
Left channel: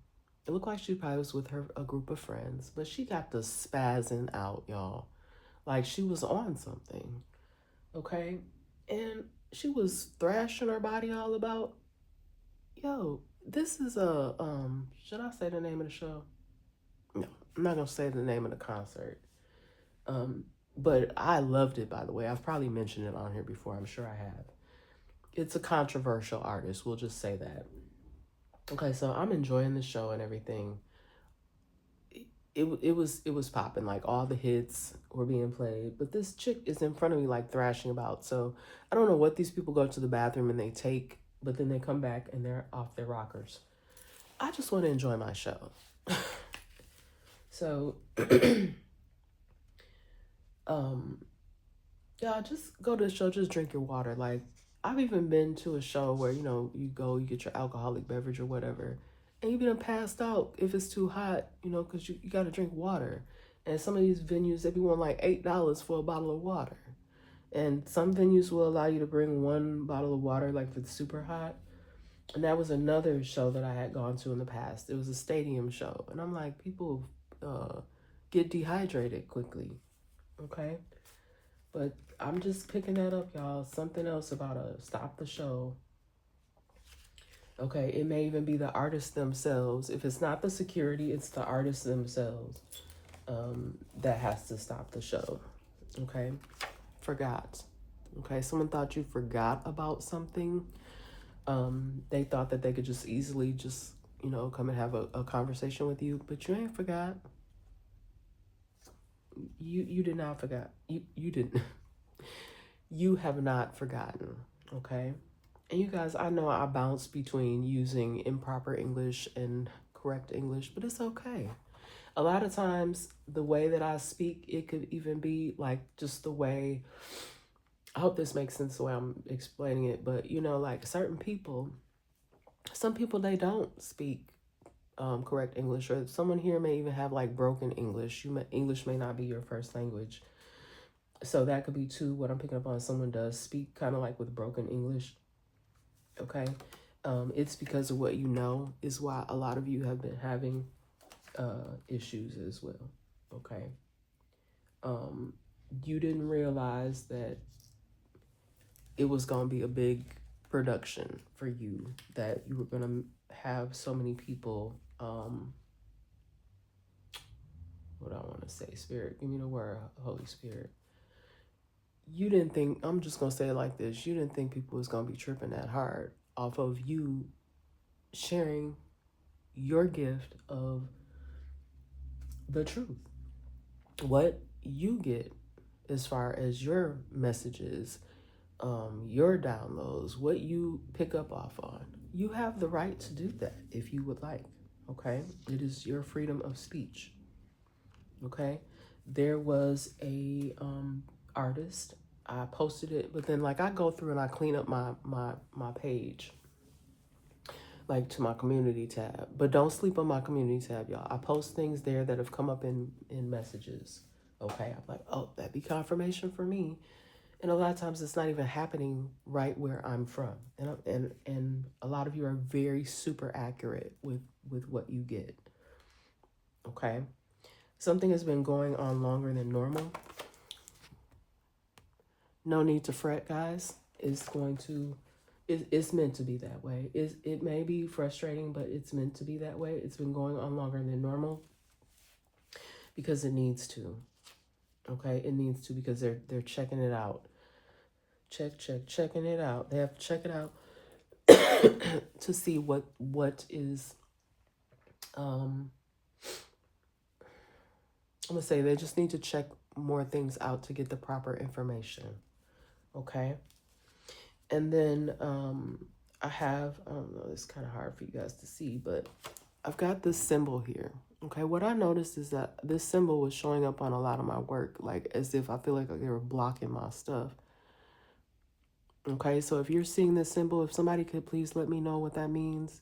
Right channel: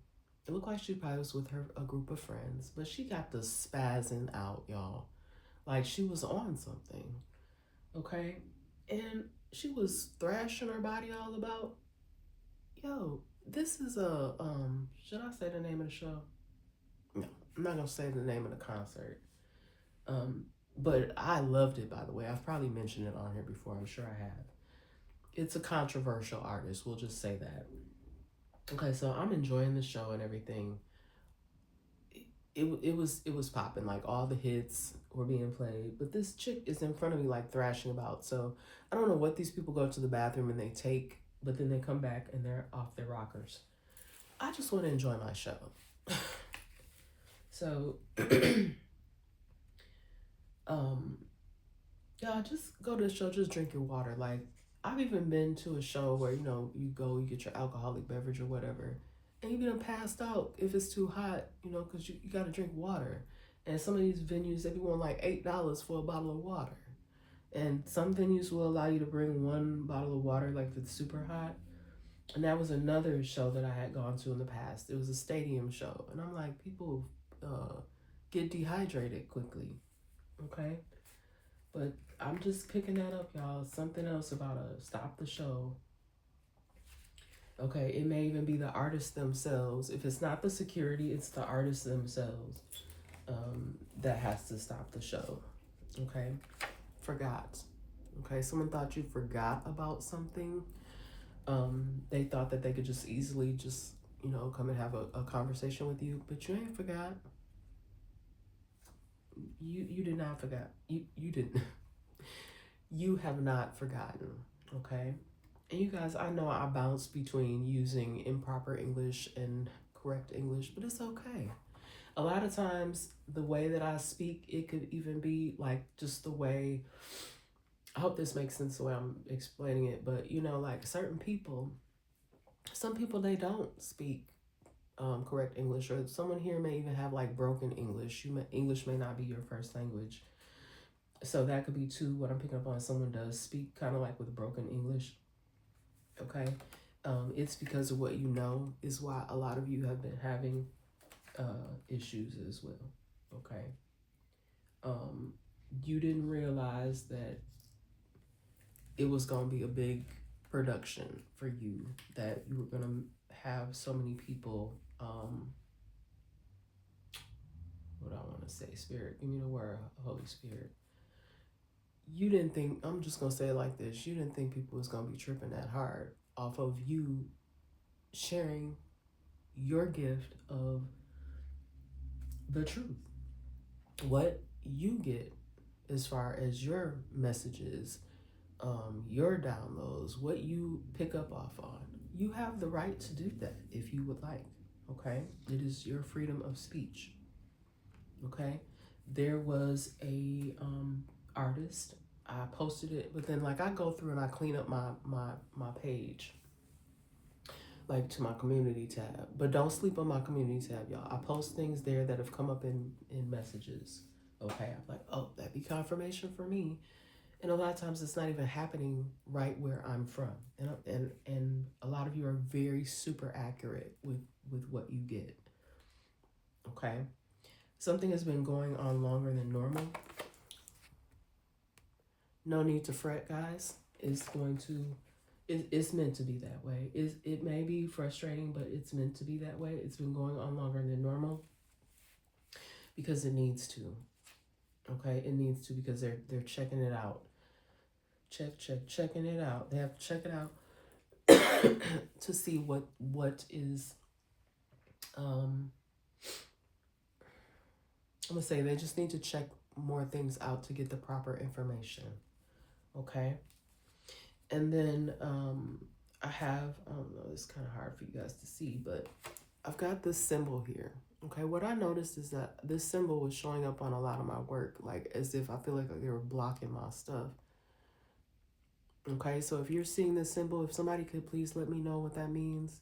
it looked like she probably was with a group of friends, but she got the spazzing out, y'all. Like she was on something, okay? And she was thrashing her body all about. Yo, this is a, should I say the name of the show? No, I'm not gonna say the name of the concert. But I loved it, by the way. I've probably mentioned it on here before. I'm sure I have. It's a controversial artist. We'll just say that. Okay, so I'm enjoying the show and everything. It was popping, like all the hits were being played, but this chick is in front of me like thrashing about. So I don't know what these people go to the bathroom and they take, but then they come back and they're off their rockers. I just want to enjoy my show. So yeah, just go to the show, just drink your water. Like I've even been to a show where you go, you get your alcoholic beverage or whatever, and you get passed out if it's too hot, because you got to drink water. And some of these venues, they be wanting like $8 for a bottle of water. And some venues will allow you to bring one bottle of water, like if it's super hot. And that was another show that I had gone to in the past. It was a stadium show. And I'm like, people get dehydrated quickly, okay? But I'm just picking that up, y'all. Something else about stop the show. Okay, it may even be the artists themselves. If it's not the security, it's the artists themselves that has to stop the show. Okay, forgot. Okay, someone thought you forgot about something. They thought that they could just easily just, come and have a conversation with you, but you ain't forgot. You did not forget. You didn't. You have not forgotten. Okay. And you guys, I know I bounce between using improper English and correct English, but it's okay. A lot of times, the way that I speak, it could even be like just the way. I hope this makes sense the way I'm explaining it, but like certain people, some people they don't speak correct English, or someone here may even have like broken English. English may not be your first language, so that could be too. What I'm picking up on, someone does speak kind of like with broken English. Okay, it's because of what you know is why a lot of you have been having issues as well. Okay, you didn't realize that it was going to be a big production for you, that you were going to have so many people. What I want to say, Spirit, give me the word, Holy Spirit. You didn't think, I'm just going to say it like this, you didn't think people was going to be tripping that hard off of you sharing your gift of the truth. What you get as far as your messages, your downloads, what you pick up off on, you have the right to do that if you would like. Okay, it is your freedom of speech. Okay, there was a artist. I posted it, but then like I go through and I clean up my page, like to my community tab. But don't sleep on my community tab, y'all. I post things there that have come up in messages. Okay, I'm like, oh, that'd be confirmation for me. And a lot of times it's not even happening right where I'm from. And a lot of you are very super accurate with what you get. Okay. Something has been going on longer than normal. No need to fret, guys. It's meant to be that way. It may be frustrating, but it's meant to be that way. It's been going on longer than normal because it needs to. Okay, it needs to, because they're checking it out. Checking it out. They have to check it out to see what is I'm gonna say they just need to check more things out to get the proper information. Okay. And then I have, I don't know, it's kind of hard for you guys to see, but I've got this symbol here. Okay, what I noticed is that this symbol was showing up on a lot of my work, like as if I feel like they were blocking my stuff. Okay, so if you're seeing this symbol, if somebody could please let me know what that means.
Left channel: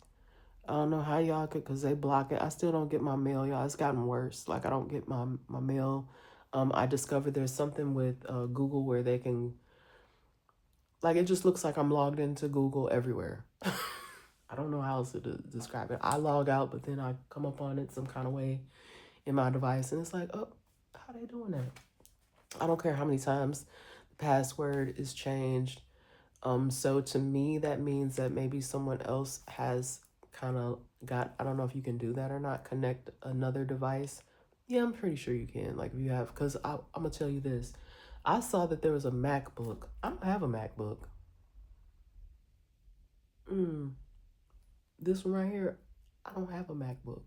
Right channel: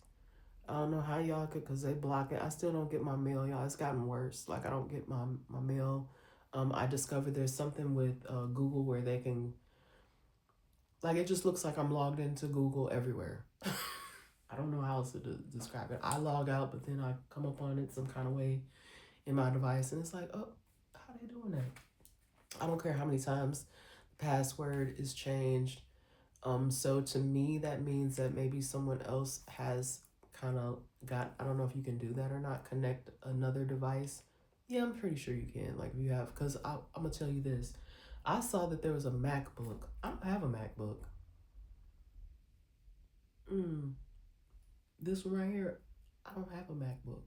I don't know how y'all could, because they block it. I still don't get my mail, y'all. It's gotten worse. Like, I don't get my mail. I discovered there's something with Google where they can, like, it just looks like I'm logged into Google everywhere. I don't know how else to describe it. I log out, but then I come up on it some kind of way in my device, and it's like, oh, how they doing that? I don't care how many times the password is changed. So to me, that means that maybe someone else has kind of got, I don't know if you can do that or not, connect another device. Yeah, I'm pretty sure you can. Like, if you have, because I'm going to tell you this. I saw that there was a MacBook. I don't have a MacBook. This one right here, I don't have a MacBook.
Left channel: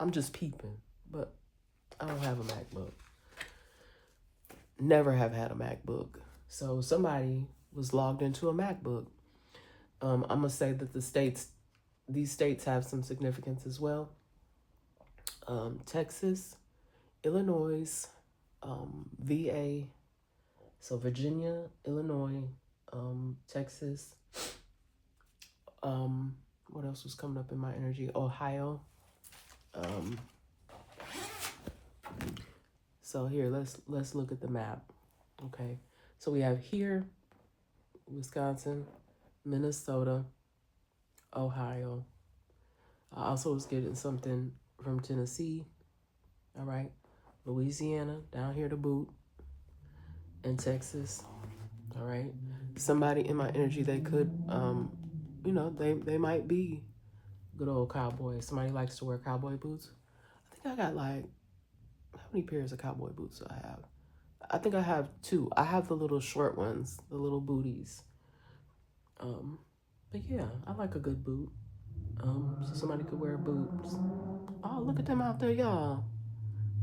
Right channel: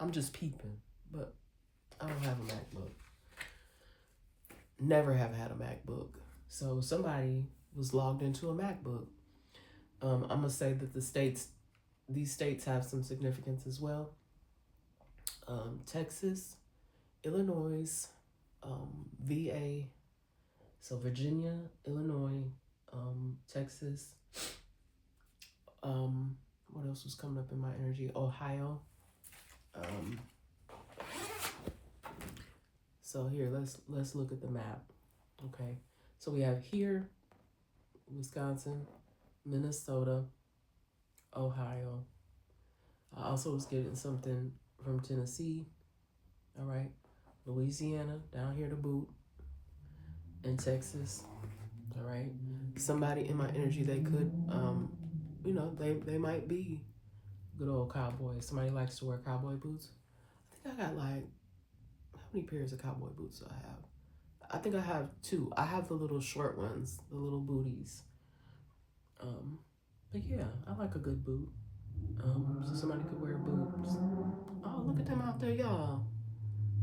I'm just peeping, but I don't have a MacBook. Never have had a MacBook. So somebody was logged into a MacBook. I'm going to say that these states have some significance as well. Texas, Illinois, VA, so Virginia, Illinois, Texas. What else was coming up in my energy? Ohio. So here, let's look at the map. Okay, so we have here Wisconsin, Minnesota, Ohio. I also was getting something from Tennessee. All right, Louisiana down here to boot, and Texas. All right, somebody in my energy, they could, they might be good old cowboys. Somebody likes to wear cowboy boots. I think I got like, how many pairs of cowboy boots do I have? I think I have two. I have the little short ones, the little booties. But yeah, I like a good boot. So somebody could wear boots. Oh, look at them out there, y'all.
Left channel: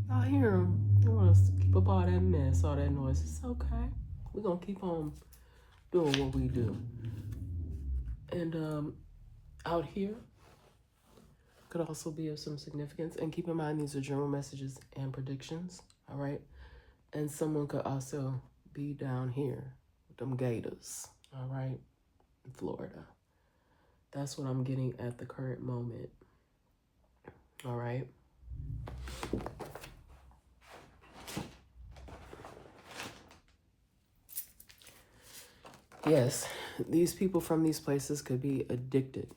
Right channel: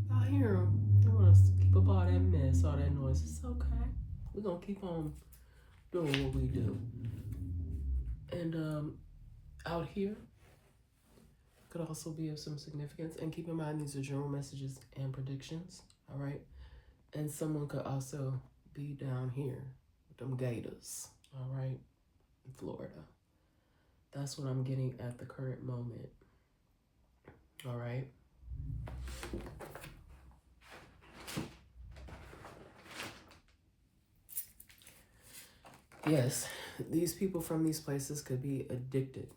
Y'all hear them? They want us to keep up all that mess, all that noise. It's okay. We're gonna keep on doing what we do. And out here could also be of some significance. And keep in mind, these are journal messages and predictions. All right. And someone could also be down here with them gators. All right. In Florida. That's what I'm getting at the current moment. All right. Yes, these people from these places could be addicted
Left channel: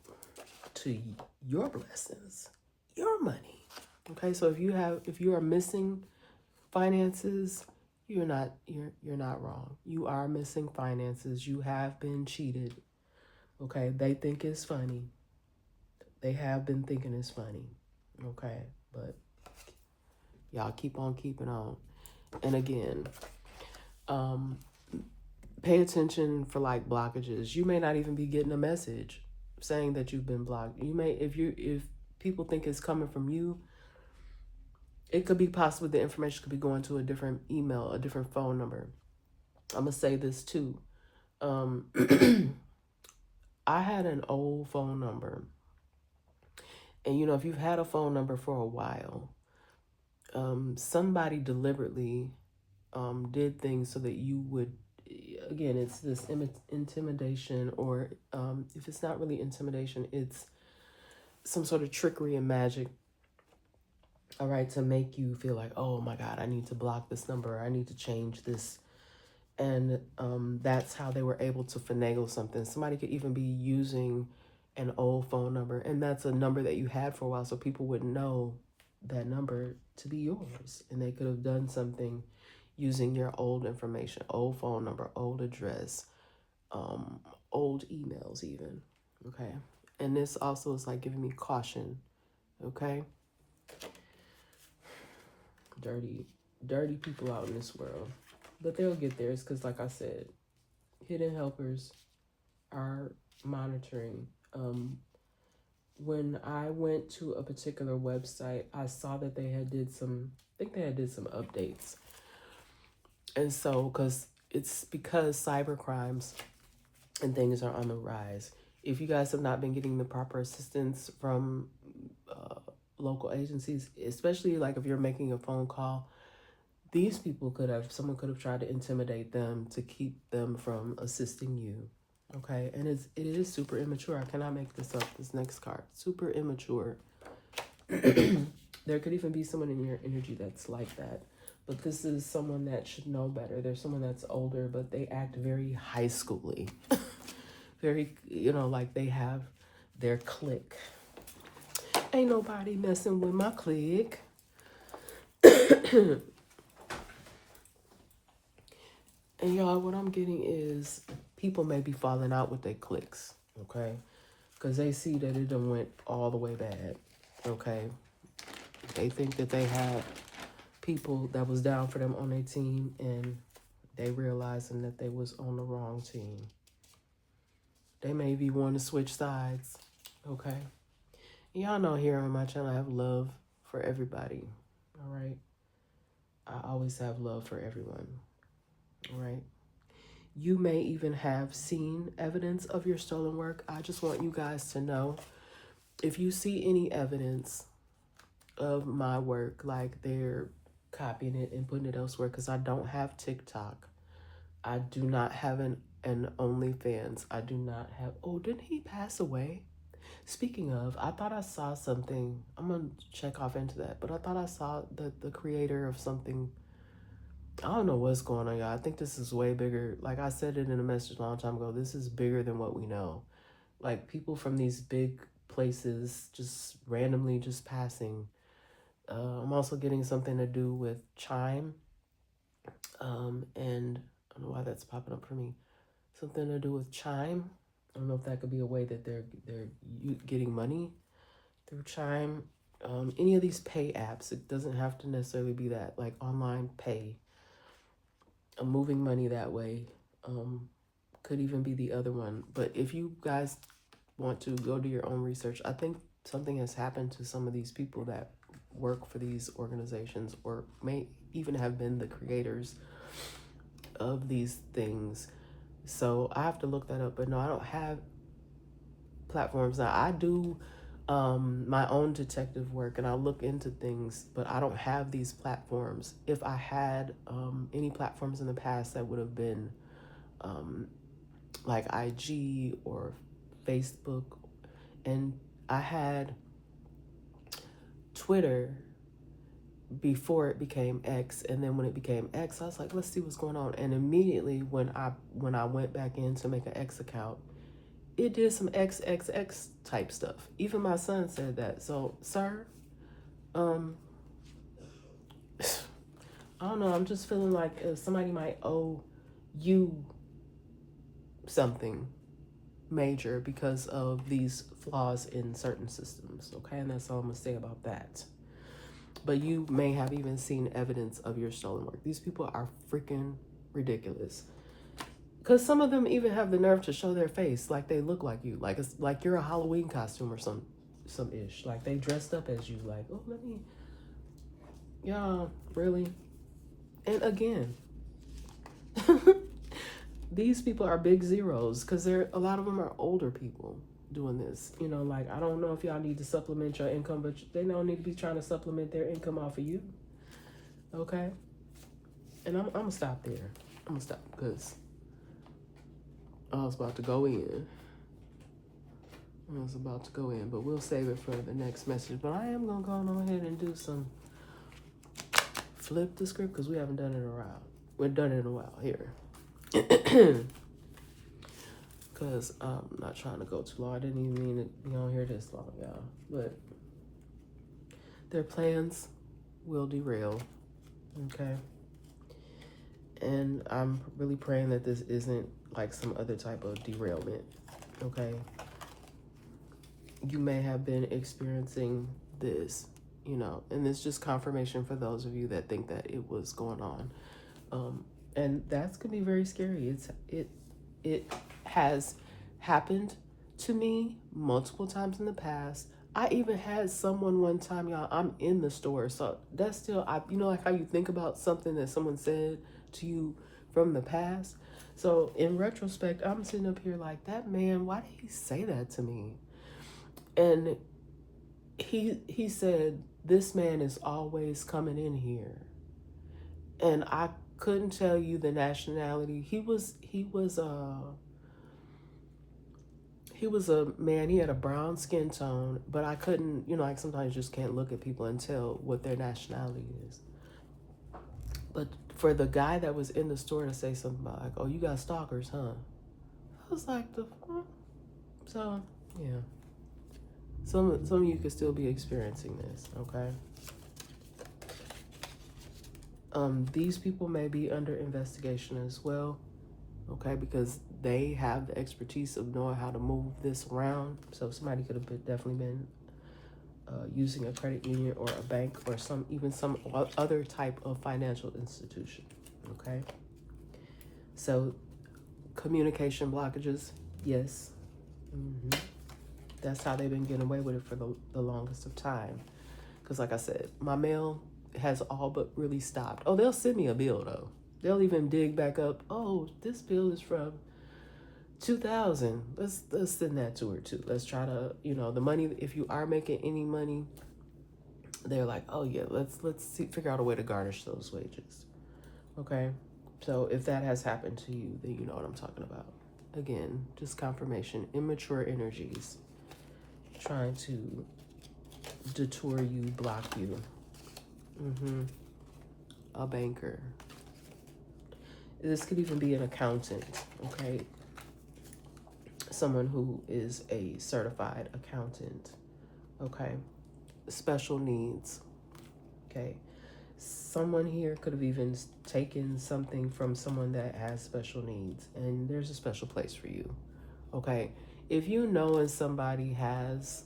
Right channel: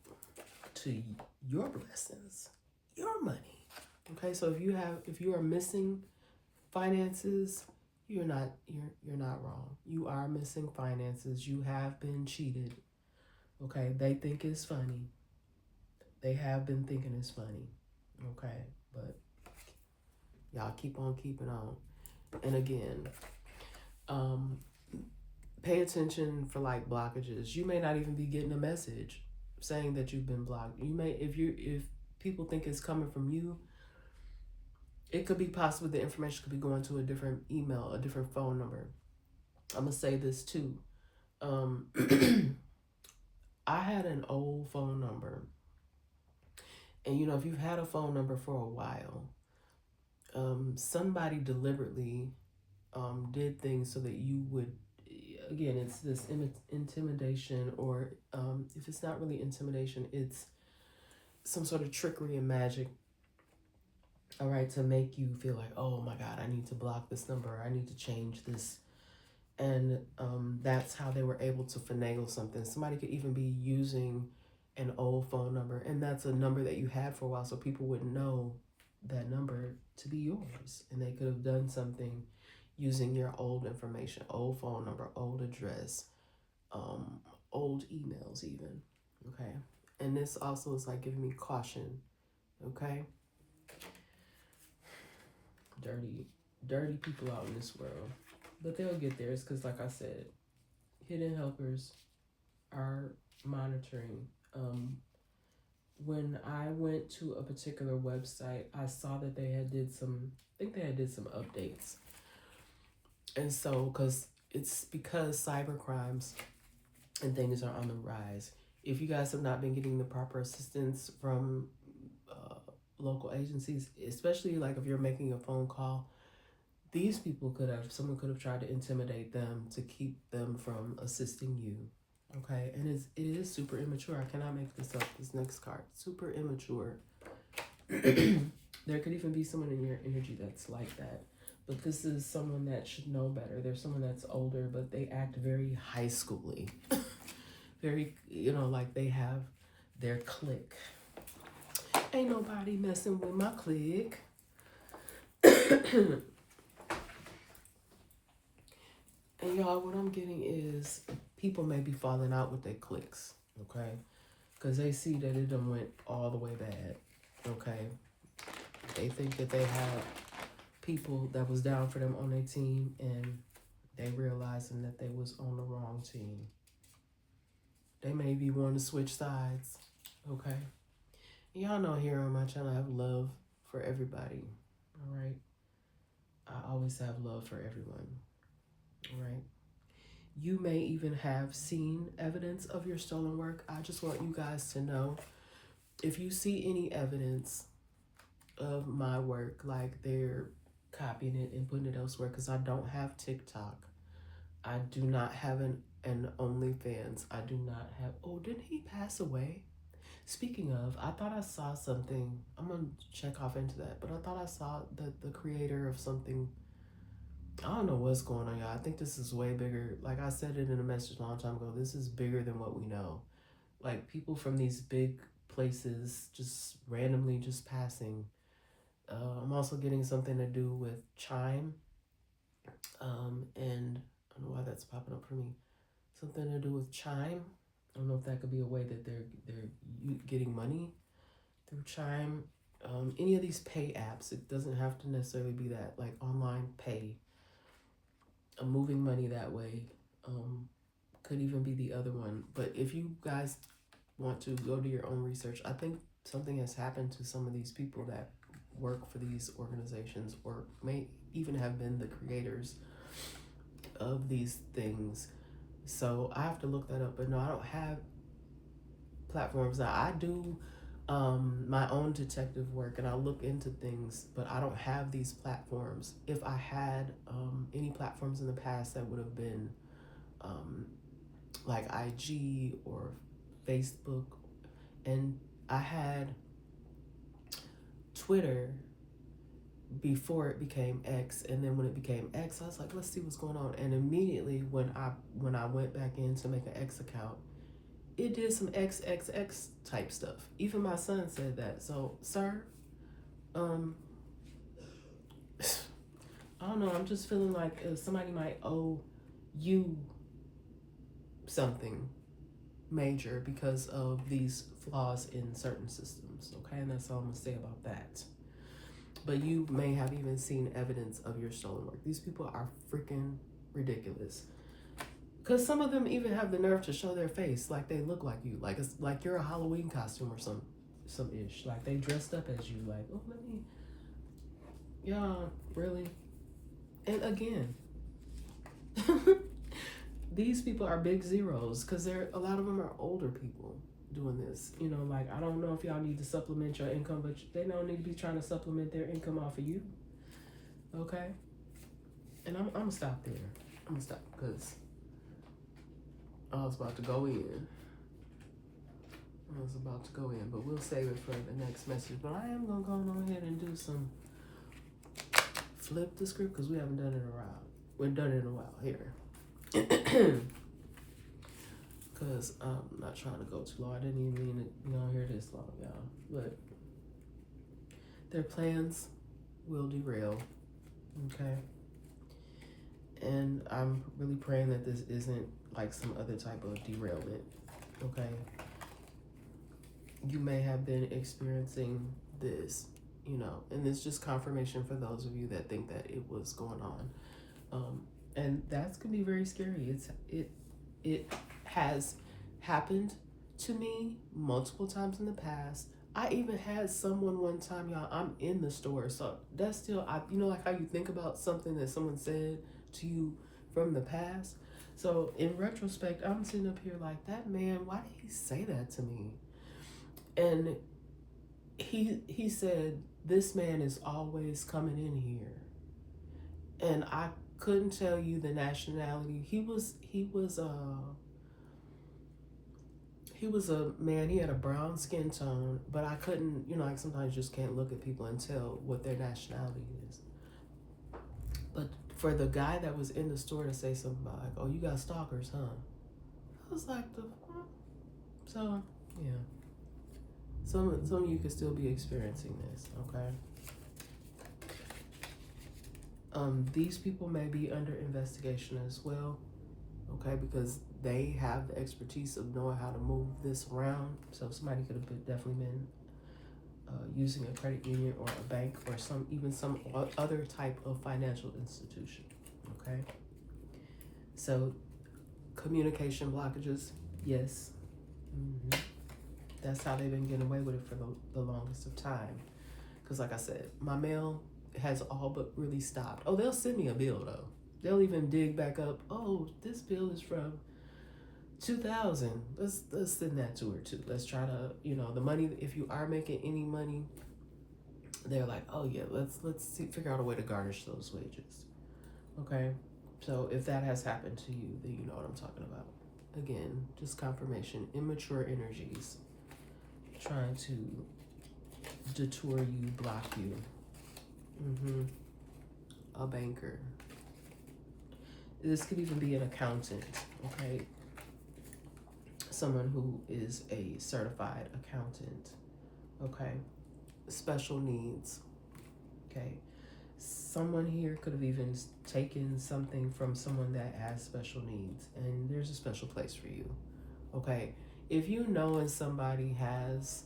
to your blessings, your money. Okay, so if you are missing finances, you're not wrong. You are missing finances. You have been cheated. Okay, they think it's funny. They have been thinking it's funny. Okay, but y'all keep on keeping on. And again, pay attention for like blockages. You may not even be getting a message saying that you've been blocked. You may, if people think it's coming from you, it could be possible the information could be going to a different email, a different phone number. I'm gonna say this too. I had an old phone number, and you know, if you've had a phone number for a while, somebody deliberately did things so that you would, again, it's this intimidation, or if it's not really intimidation, it's some sort of trickery and magic, all right, to make you feel like, oh my God, I need to block this number, I need to change this. And that's how they were able to finagle something. Somebody could even be using an old phone number, and that's a number that you had for a while, so people wouldn't know that number to be yours. And they could have done something using your old information, old phone number, old address, old emails even, okay? And this also is like giving me caution, okay? Dirty people out in this world. But they'll get there. It's because, like I said, hidden helpers are monitoring. When I went to a particular website, I saw that they had did some updates. And so, because cyber crimes and things are on the rise. If you guys have not been getting the proper assistance from local agencies, especially like if you're making a phone call, these people someone could have tried to intimidate them to keep them from assisting you. Okay, and it is super immature. I cannot make this up. This next card, super immature. There could even be someone in your energy that's like that. But this is someone that should know better. There's someone that's older, but they act very high schooly. Very, like they have their clique. Ain't nobody messing with my clique. And y'all, what I'm getting is people may be falling out with their cliques, okay? Because they see that it done went all the way bad, okay? They think that they have people that was down for them on their team, and they realizing that they was on the wrong team. They may be wanting to switch sides, okay? Y'all know here on my channel I have love for everybody, all right? I always have love for everyone, all right? You may even have seen evidence of your stolen work. I just want you guys to know, if you see any evidence of my work, like they're copying it and putting it elsewhere, because I don't have TikTok. I do not have an OnlyFans. I do not have, oh, didn't he pass away? Speaking of, I thought I saw something. I'm going to check off into that. But I thought I saw the creator of something. I don't know what's going on, y'all. I think this is way bigger. Like I said it in a message a long time ago, this is bigger than what we know. Like people from these big places just randomly just passing. I'm also getting something to do with Chime. And I don't know why that's popping up for me. Something to do with Chime. I don't know if that could be a way that they're getting money through Chime. Any of these pay apps, it doesn't have to necessarily be that, like online pay. moving money that way. Could even be the other one. But if you guys want to go do your own research, I think something has happened to some of these people that work for these organizations, or may even have been the creators of these things. So I have to look that up. But no, I don't have platforms. Now I do my own detective work, and I look into things, but I don't have these platforms. If I had any platforms in the past, that would have been like IG or Facebook, and I had Twitter before it became X, and then when it became X, I was like, let's see what's going on. And immediately when I went back in to make an X account, it did some XXX type stuff. Even my son said that. So, sir, I don't know. I'm just feeling like somebody might owe you something major because of these flaws in certain systems. Okay, and that's all I'm gonna say about that. But you may have even seen evidence of your stolen work. These people are freaking ridiculous. Because some of them even have the nerve to show their face like they look like you, like it's like you're a Halloween costume or some ish. Like they dressed up as you. Like, oh, let me, y'all, really. And again, these people are big zeros because a lot of them are older people doing this. You know, like I don't know if y'all need to supplement your income, but they don't need to be trying to supplement their income off of you. Okay, and I'm gonna stop there. I'm gonna stop because I was about to go in. But we'll save it for the next message. But I am gonna go ahead and do some flip the script because we haven't done it in a while. We've done it in a while here. Because I'm not trying to go too long. I didn't even mean to be on here this long, y'all. But their plans will derail. Okay. And I'm really praying that this isn't like some other type of derailment. Okay. You may have been experiencing this, you know, and it's just confirmation for those of you that think that it was going on. And that's gonna be very scary. It has happened to me multiple times in the past. I even had someone one time, y'all, I'm in the store, so that's still, you know, like how you think about something that someone said to you from the past. So in retrospect, I'm sitting up here like, that man, why did he say that to me? And he said, this man is always coming in here. And I couldn't tell you the nationality. He was a man. He had a brown skin tone, but I couldn't, you know, like sometimes you just can't look at people and tell what their nationality is. But for the guy that was in the store to say something about like, oh, you got stalkers, huh? I was like, the fuck? So yeah. Some of you could still be experiencing this, okay? These people may be under investigation as well, okay? Because they have the expertise of knowing how to move this around. So somebody could have definitely been using a credit union or a bank or some other type of financial institution, okay? So communication blockages, yes. That's how they've been getting away with it for the longest of time. Because like I said, my mail has all but really stopped. Oh, they'll send me a bill though. They'll even dig back up. Oh, this bill is from 2000. Let's send that to her too. Let's try to, you know, the money, if you are making any money, they're like, oh yeah, let's figure out a way to garnish those wages. Okay? So if that has happened to you, then you know what I'm talking about. Again, just confirmation. Immature energies trying to detour you, block you. A banker. This could even be an accountant, okay? Someone who is a certified accountant, okay? Special needs, okay? Someone here could have even taken something from someone that has special needs, and there's a special place for you, okay? If you know if somebody has,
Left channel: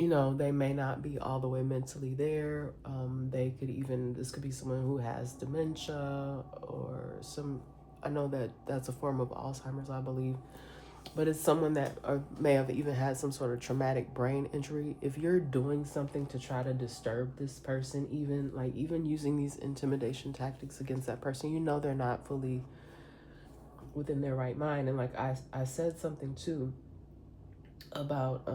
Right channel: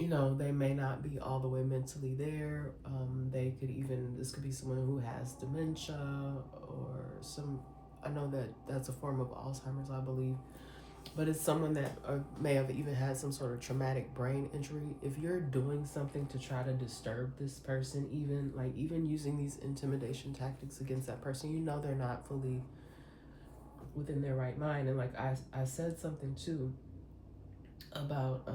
you know, they may not be all the way mentally there. This could be someone who has dementia or I know that that's a form of Alzheimer's, I believe, but it's someone that may have even had some sort of traumatic brain injury. If you're doing something to try to disturb this person, even using these intimidation tactics against that person, you know they're not fully within their right mind. And like I said something too about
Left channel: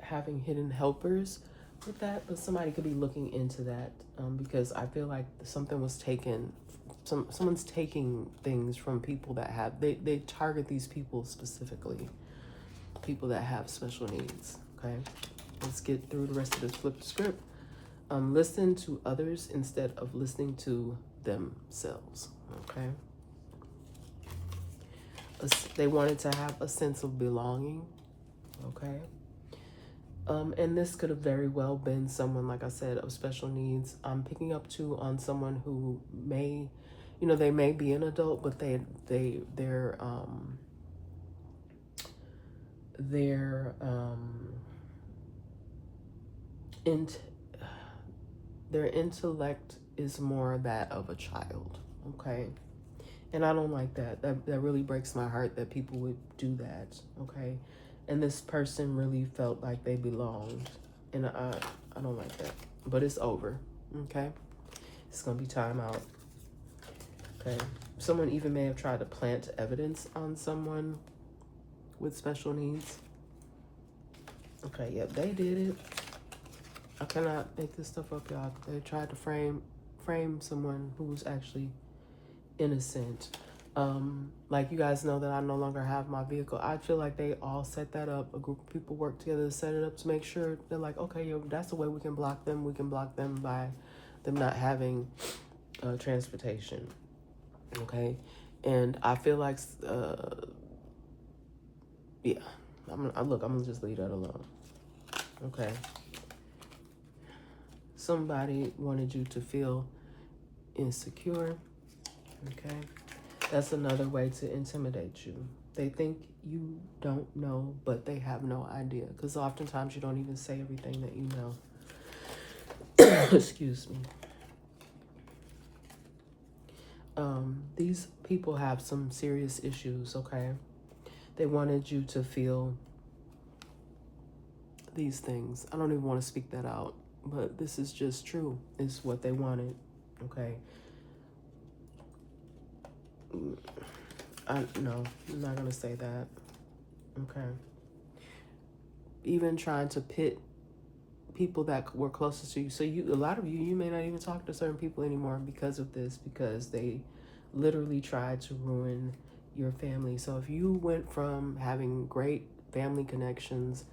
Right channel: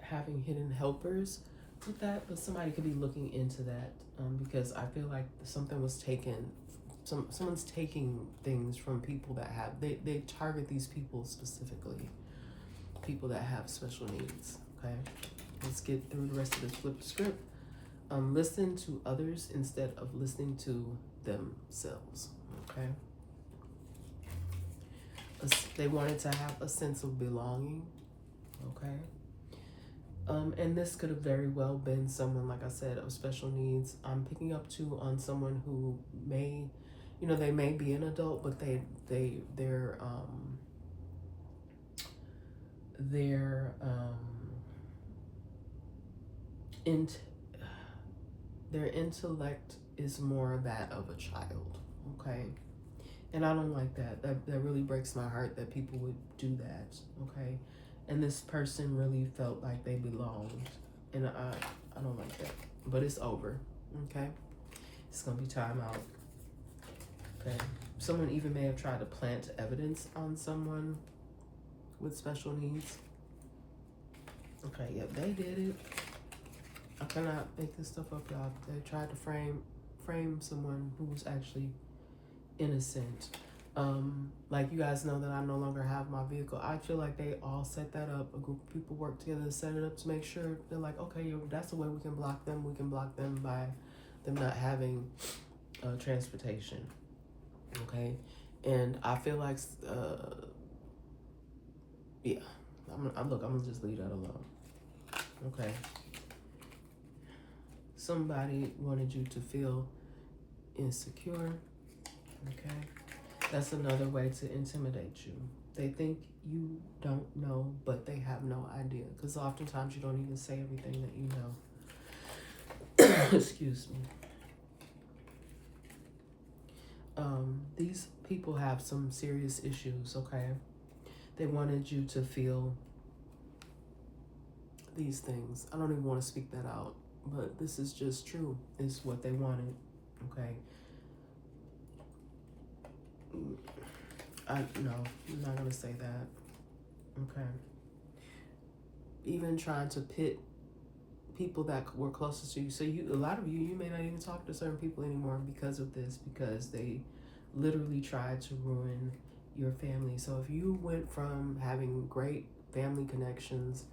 having hidden helpers with that, but somebody could be looking into that because I feel like someone's taking things from people that have they target these people specifically, people that have special needs. Okay, let's get through the rest of this flip script. Listen to others instead of listening to themselves. Okay, they wanted to have a sense of belonging. Okay. And this could have very well been someone, like I said, of special needs. I'm picking up too on someone who may, they may be an adult, but their intellect is more that of a child. Okay. And I don't like that. That really breaks my heart that people would do that. Okay. And this person really felt like they belonged. And I don't like that. But it's over. Okay? It's going to be time out. Okay? Someone even may have tried to plant evidence on someone with special needs. Okay, yep, they did it. I cannot make this stuff up, y'all. They tried to frame someone who's actually innocent. Like you guys know that I no longer have my vehicle. I feel like they all set that up. A group of people work together to set it up to make sure they're like, okay, yeah, that's the way we can block them. We can block them by them not having transportation. Okay, and I feel like, yeah, I'm gonna just leave that alone. Okay. Somebody wanted you to feel insecure. Okay. That's another way to intimidate you. They think you don't know, but they have no idea. Because oftentimes you don't even say everything that you know. Excuse me. These people have some serious issues, okay? They wanted you to feel these things. I don't even want to speak that out, but this is just true. It's what they wanted, okay? No, I'm not gonna say that. Okay. Even trying to pit people that were closest to you. So a lot of you may not even talk to certain people anymore because of this, because they literally tried to ruin your family. So if you went from having great family connections,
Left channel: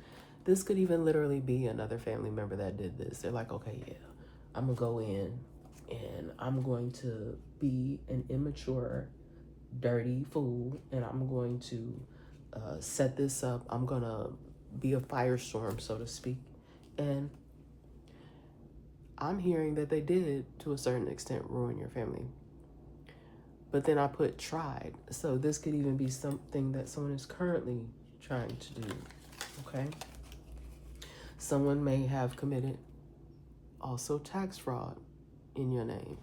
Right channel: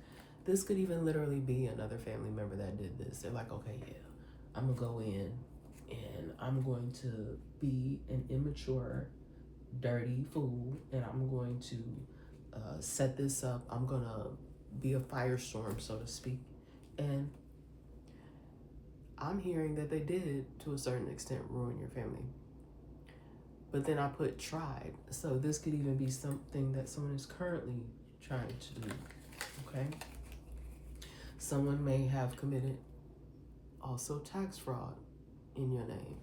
this could even literally be another family member that did this. They're like, okay, yeah, I'm gonna go in and I'm going to be an immature, dirty fool, and I'm going to set this up. I'm gonna be a firestorm, so to speak. And I'm hearing that they did, to a certain extent, ruin your family. But then I put tried. So this could even be something that someone is currently trying to do. Okay? Someone may have committed also tax fraud in your name.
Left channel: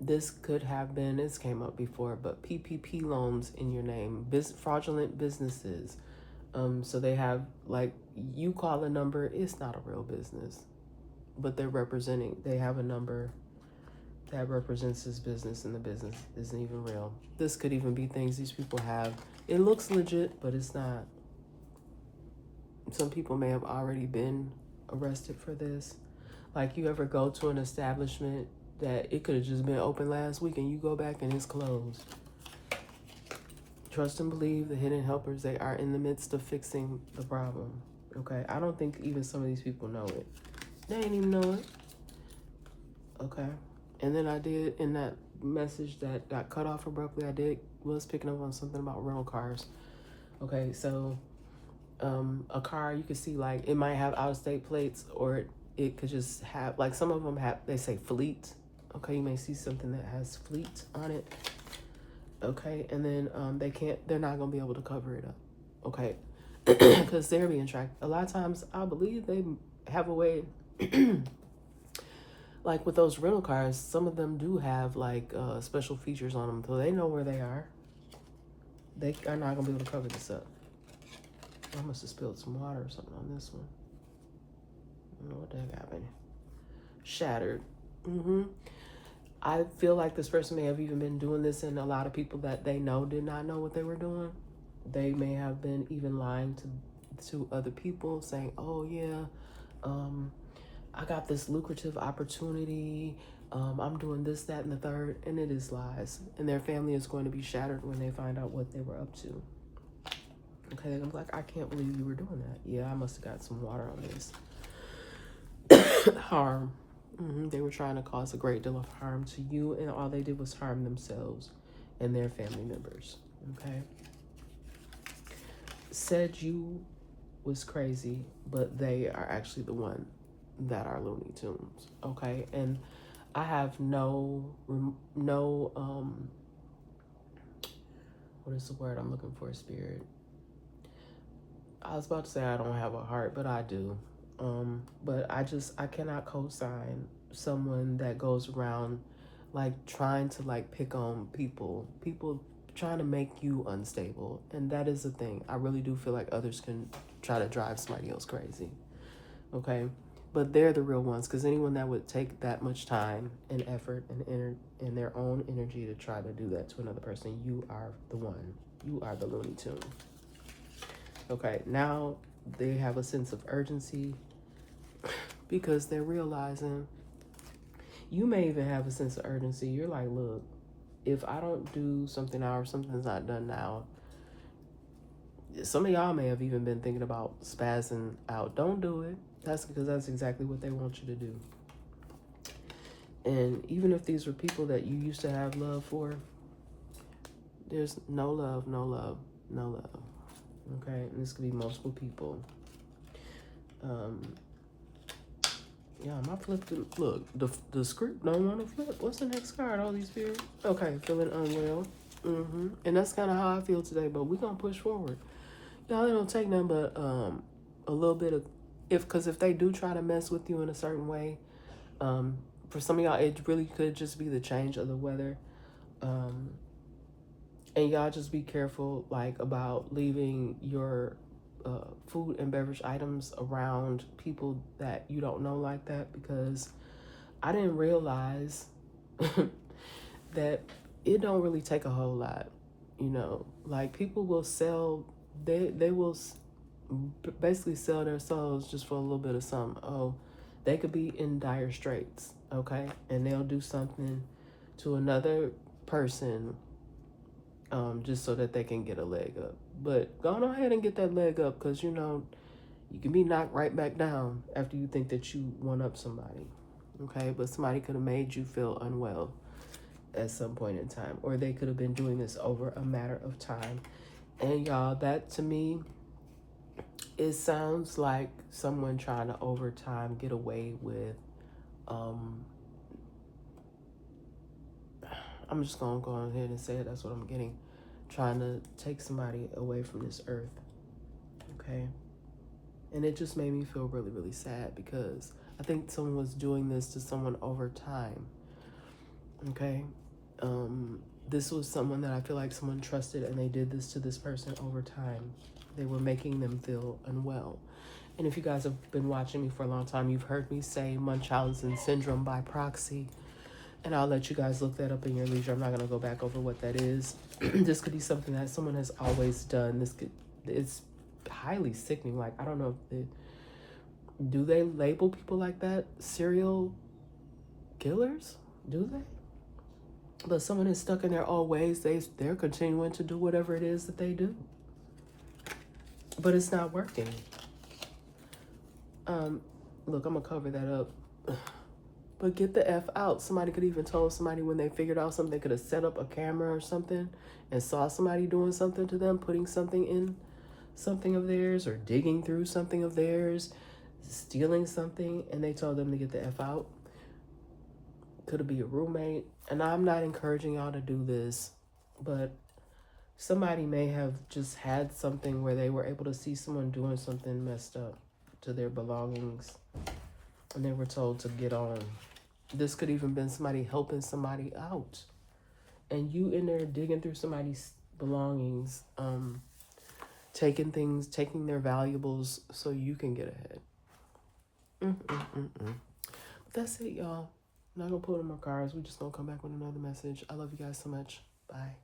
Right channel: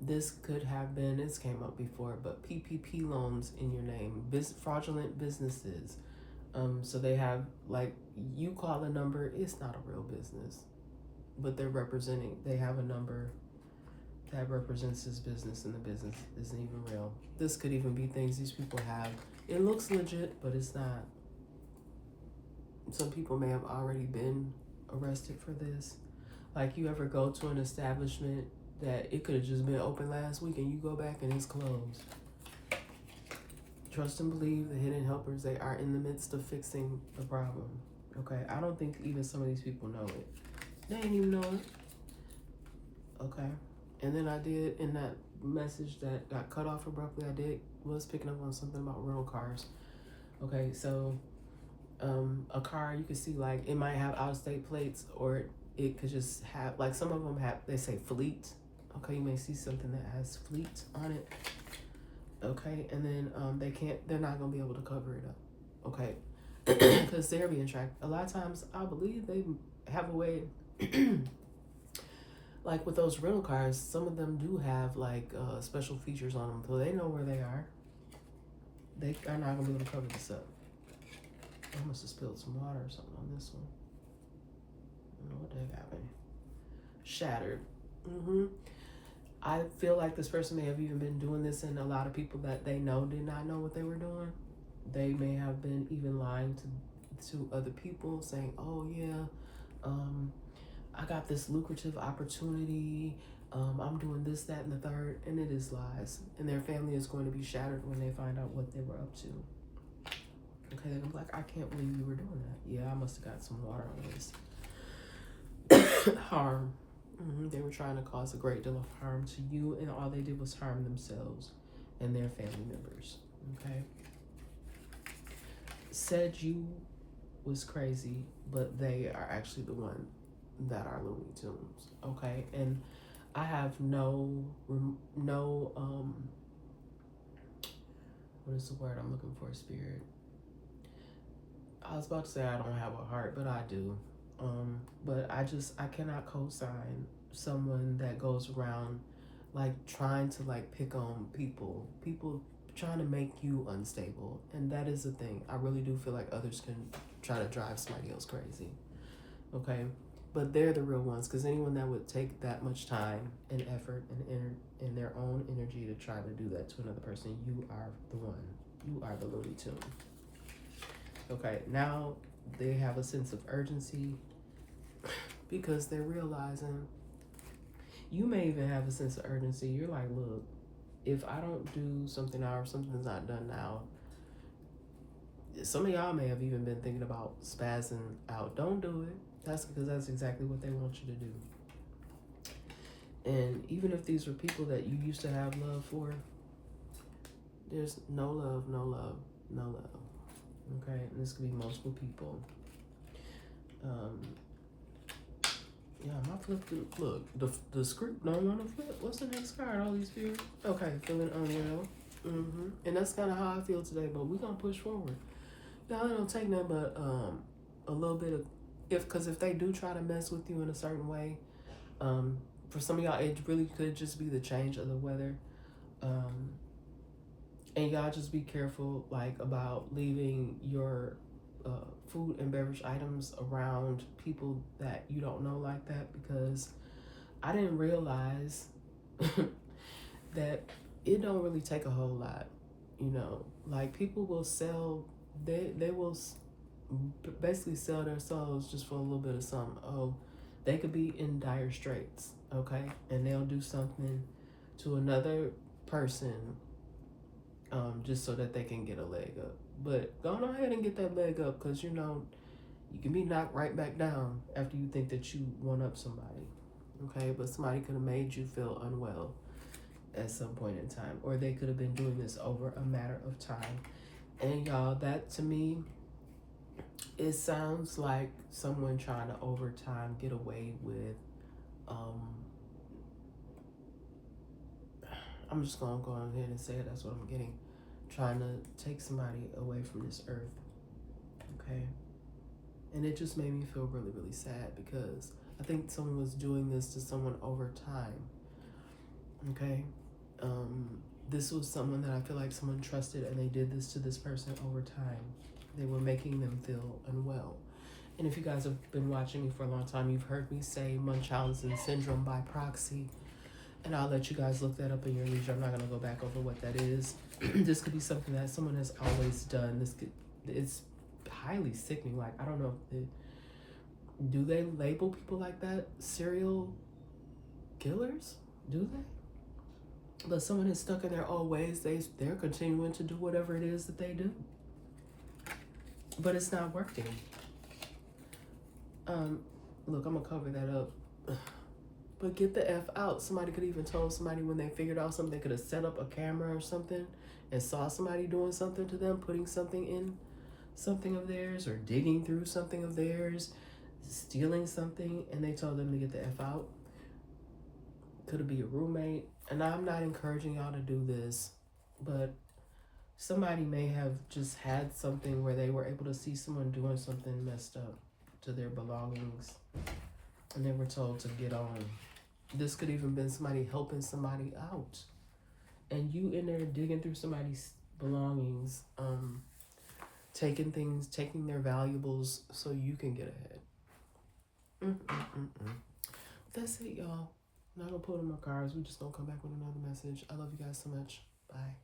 This could have been, this came up before, but PPP loans in your name, fraudulent businesses. So they have, like, you call a number, it's not a real business, but they have a number that represents this business, and the business isn't even real. This could even be things these people have. It looks legit, but it's not. Some people may have already been arrested for this. Like, you ever go to an establishment that it could have just been open last week and you go back and it's closed. Trust and believe the hidden helpers, they are in the midst of fixing the problem. Okay? I don't think even some of these people know it. They didn't even know it. Okay? And then I did, in that message that got cut off abruptly, was picking up on something about rental cars. Okay, so a car, you can see, like, it might have out-of-state plates, or it could just have, like, some of them have, they say fleet. Okay, you may see something that has fleet on it. Okay, and then they're not gonna be able to cover it up. Okay, because they're being tracked. A lot of times, I believe they have a way, like with those rental cars, some of them do have like special features on them, so they know where they are. They are not gonna be able to cover this up. I must have spilled some water or something on this one. I don't know what the heck happened. Shattered. I feel like this person may have even been doing this, and a lot of people that they know did not know what they were doing. They may have been even lying to other people, saying, "Oh yeah, I got this lucrative opportunity. I'm doing this, that, and the third," and it is lies. And their family is going to be shattered when they find out what they were up to. Okay, I'm like, I can't believe you were doing that. Yeah, I must have got some water on this. Harm. They were trying to cause a great deal of harm to you, and all they did was harm themselves and their family members. Okay. Said you was crazy, but they are actually the one that are Looney Tunes. Okay, and I have no what is the word I'm looking for? Spirit. I was about to say I don't have a heart, but I do. But I cannot co-sign someone that goes around like trying to like pick on people trying to make you unstable. And that is the thing. I really do feel like others can try to drive somebody else crazy. Okay, but they're the real ones, because anyone that would take that much time and effort and their own energy to try to do that to another person, you are the one. You are the Looney Tune. Okay, now they have a sense of urgency because they're realizing, you may even have a sense of urgency. You're like, look, if I don't do something now or something's not done now, some of y'all may have even been thinking about spazzing out. Don't do it. That's because that's exactly what they want you to do. And even if these were people that you used to have love for, there's no love, no love, no love. Okay, and this could be multiple people. Yeah, my flip. Look, the script don't want to flip. What's the next card? All these fears. Okay, feeling unwell. And that's kind of how I feel today. But we're gonna push forward. Y'all, it don't take nothing but a little bit of because if they do try to mess with you in a certain way, for some of y'all, it really could just be the change of the weather. And y'all just be careful, like, about leaving your food and beverage items around people that you don't know like that, because I didn't realize that it don't really take a whole lot, like people will sell, they will basically sell their souls just for a little bit of something. Oh, they could be in dire straits, okay, and they'll do something to another person just so that they can get a leg up. But go on ahead and get that leg up, because you can be knocked right back down after you think that you won up somebody. Okay, but somebody could have made you feel unwell at some point in time, or they could have been doing this over a matter of time. And y'all, that to me, it sounds like someone trying to over time get away with I'm just gonna go ahead and say it. That's what I'm getting. Trying to take somebody away from this earth. Okay. And it just made me feel really, really sad, because I think someone was doing this to someone over time. Okay. This was someone that I feel like someone trusted, and they did this to this person over time. They were making them feel unwell. And if you guys have been watching me for a long time, you've heard me say Munchausen syndrome by proxy. And I'll let you guys look that up in your leisure. I'm not going to go back over what that is. This could be something that someone has always done. It's highly sickening. Like, I don't know if do they label people like that serial killers? Do they? But someone is stuck in their old ways. They're continuing to do whatever it is that they do. But it's not working. Look, I'm going to cover that up. But get the F out. Somebody could even told somebody when they figured out something, they could have set up a camera or something and saw somebody doing something to them, putting something in something of theirs, or digging through something of theirs, stealing something, and they told them to get the F out. Could it be a roommate? And I'm not encouraging y'all to do this, but somebody may have just had something where they were able to see someone doing something messed up to their belongings, and they were told to get on. This could even been somebody helping somebody out, and you in there digging through somebody's belongings, taking their valuables so you can get ahead. That's it, y'all. I'm not gonna put in my cards. We're just gonna come back with another message. I love you guys so much. Bye.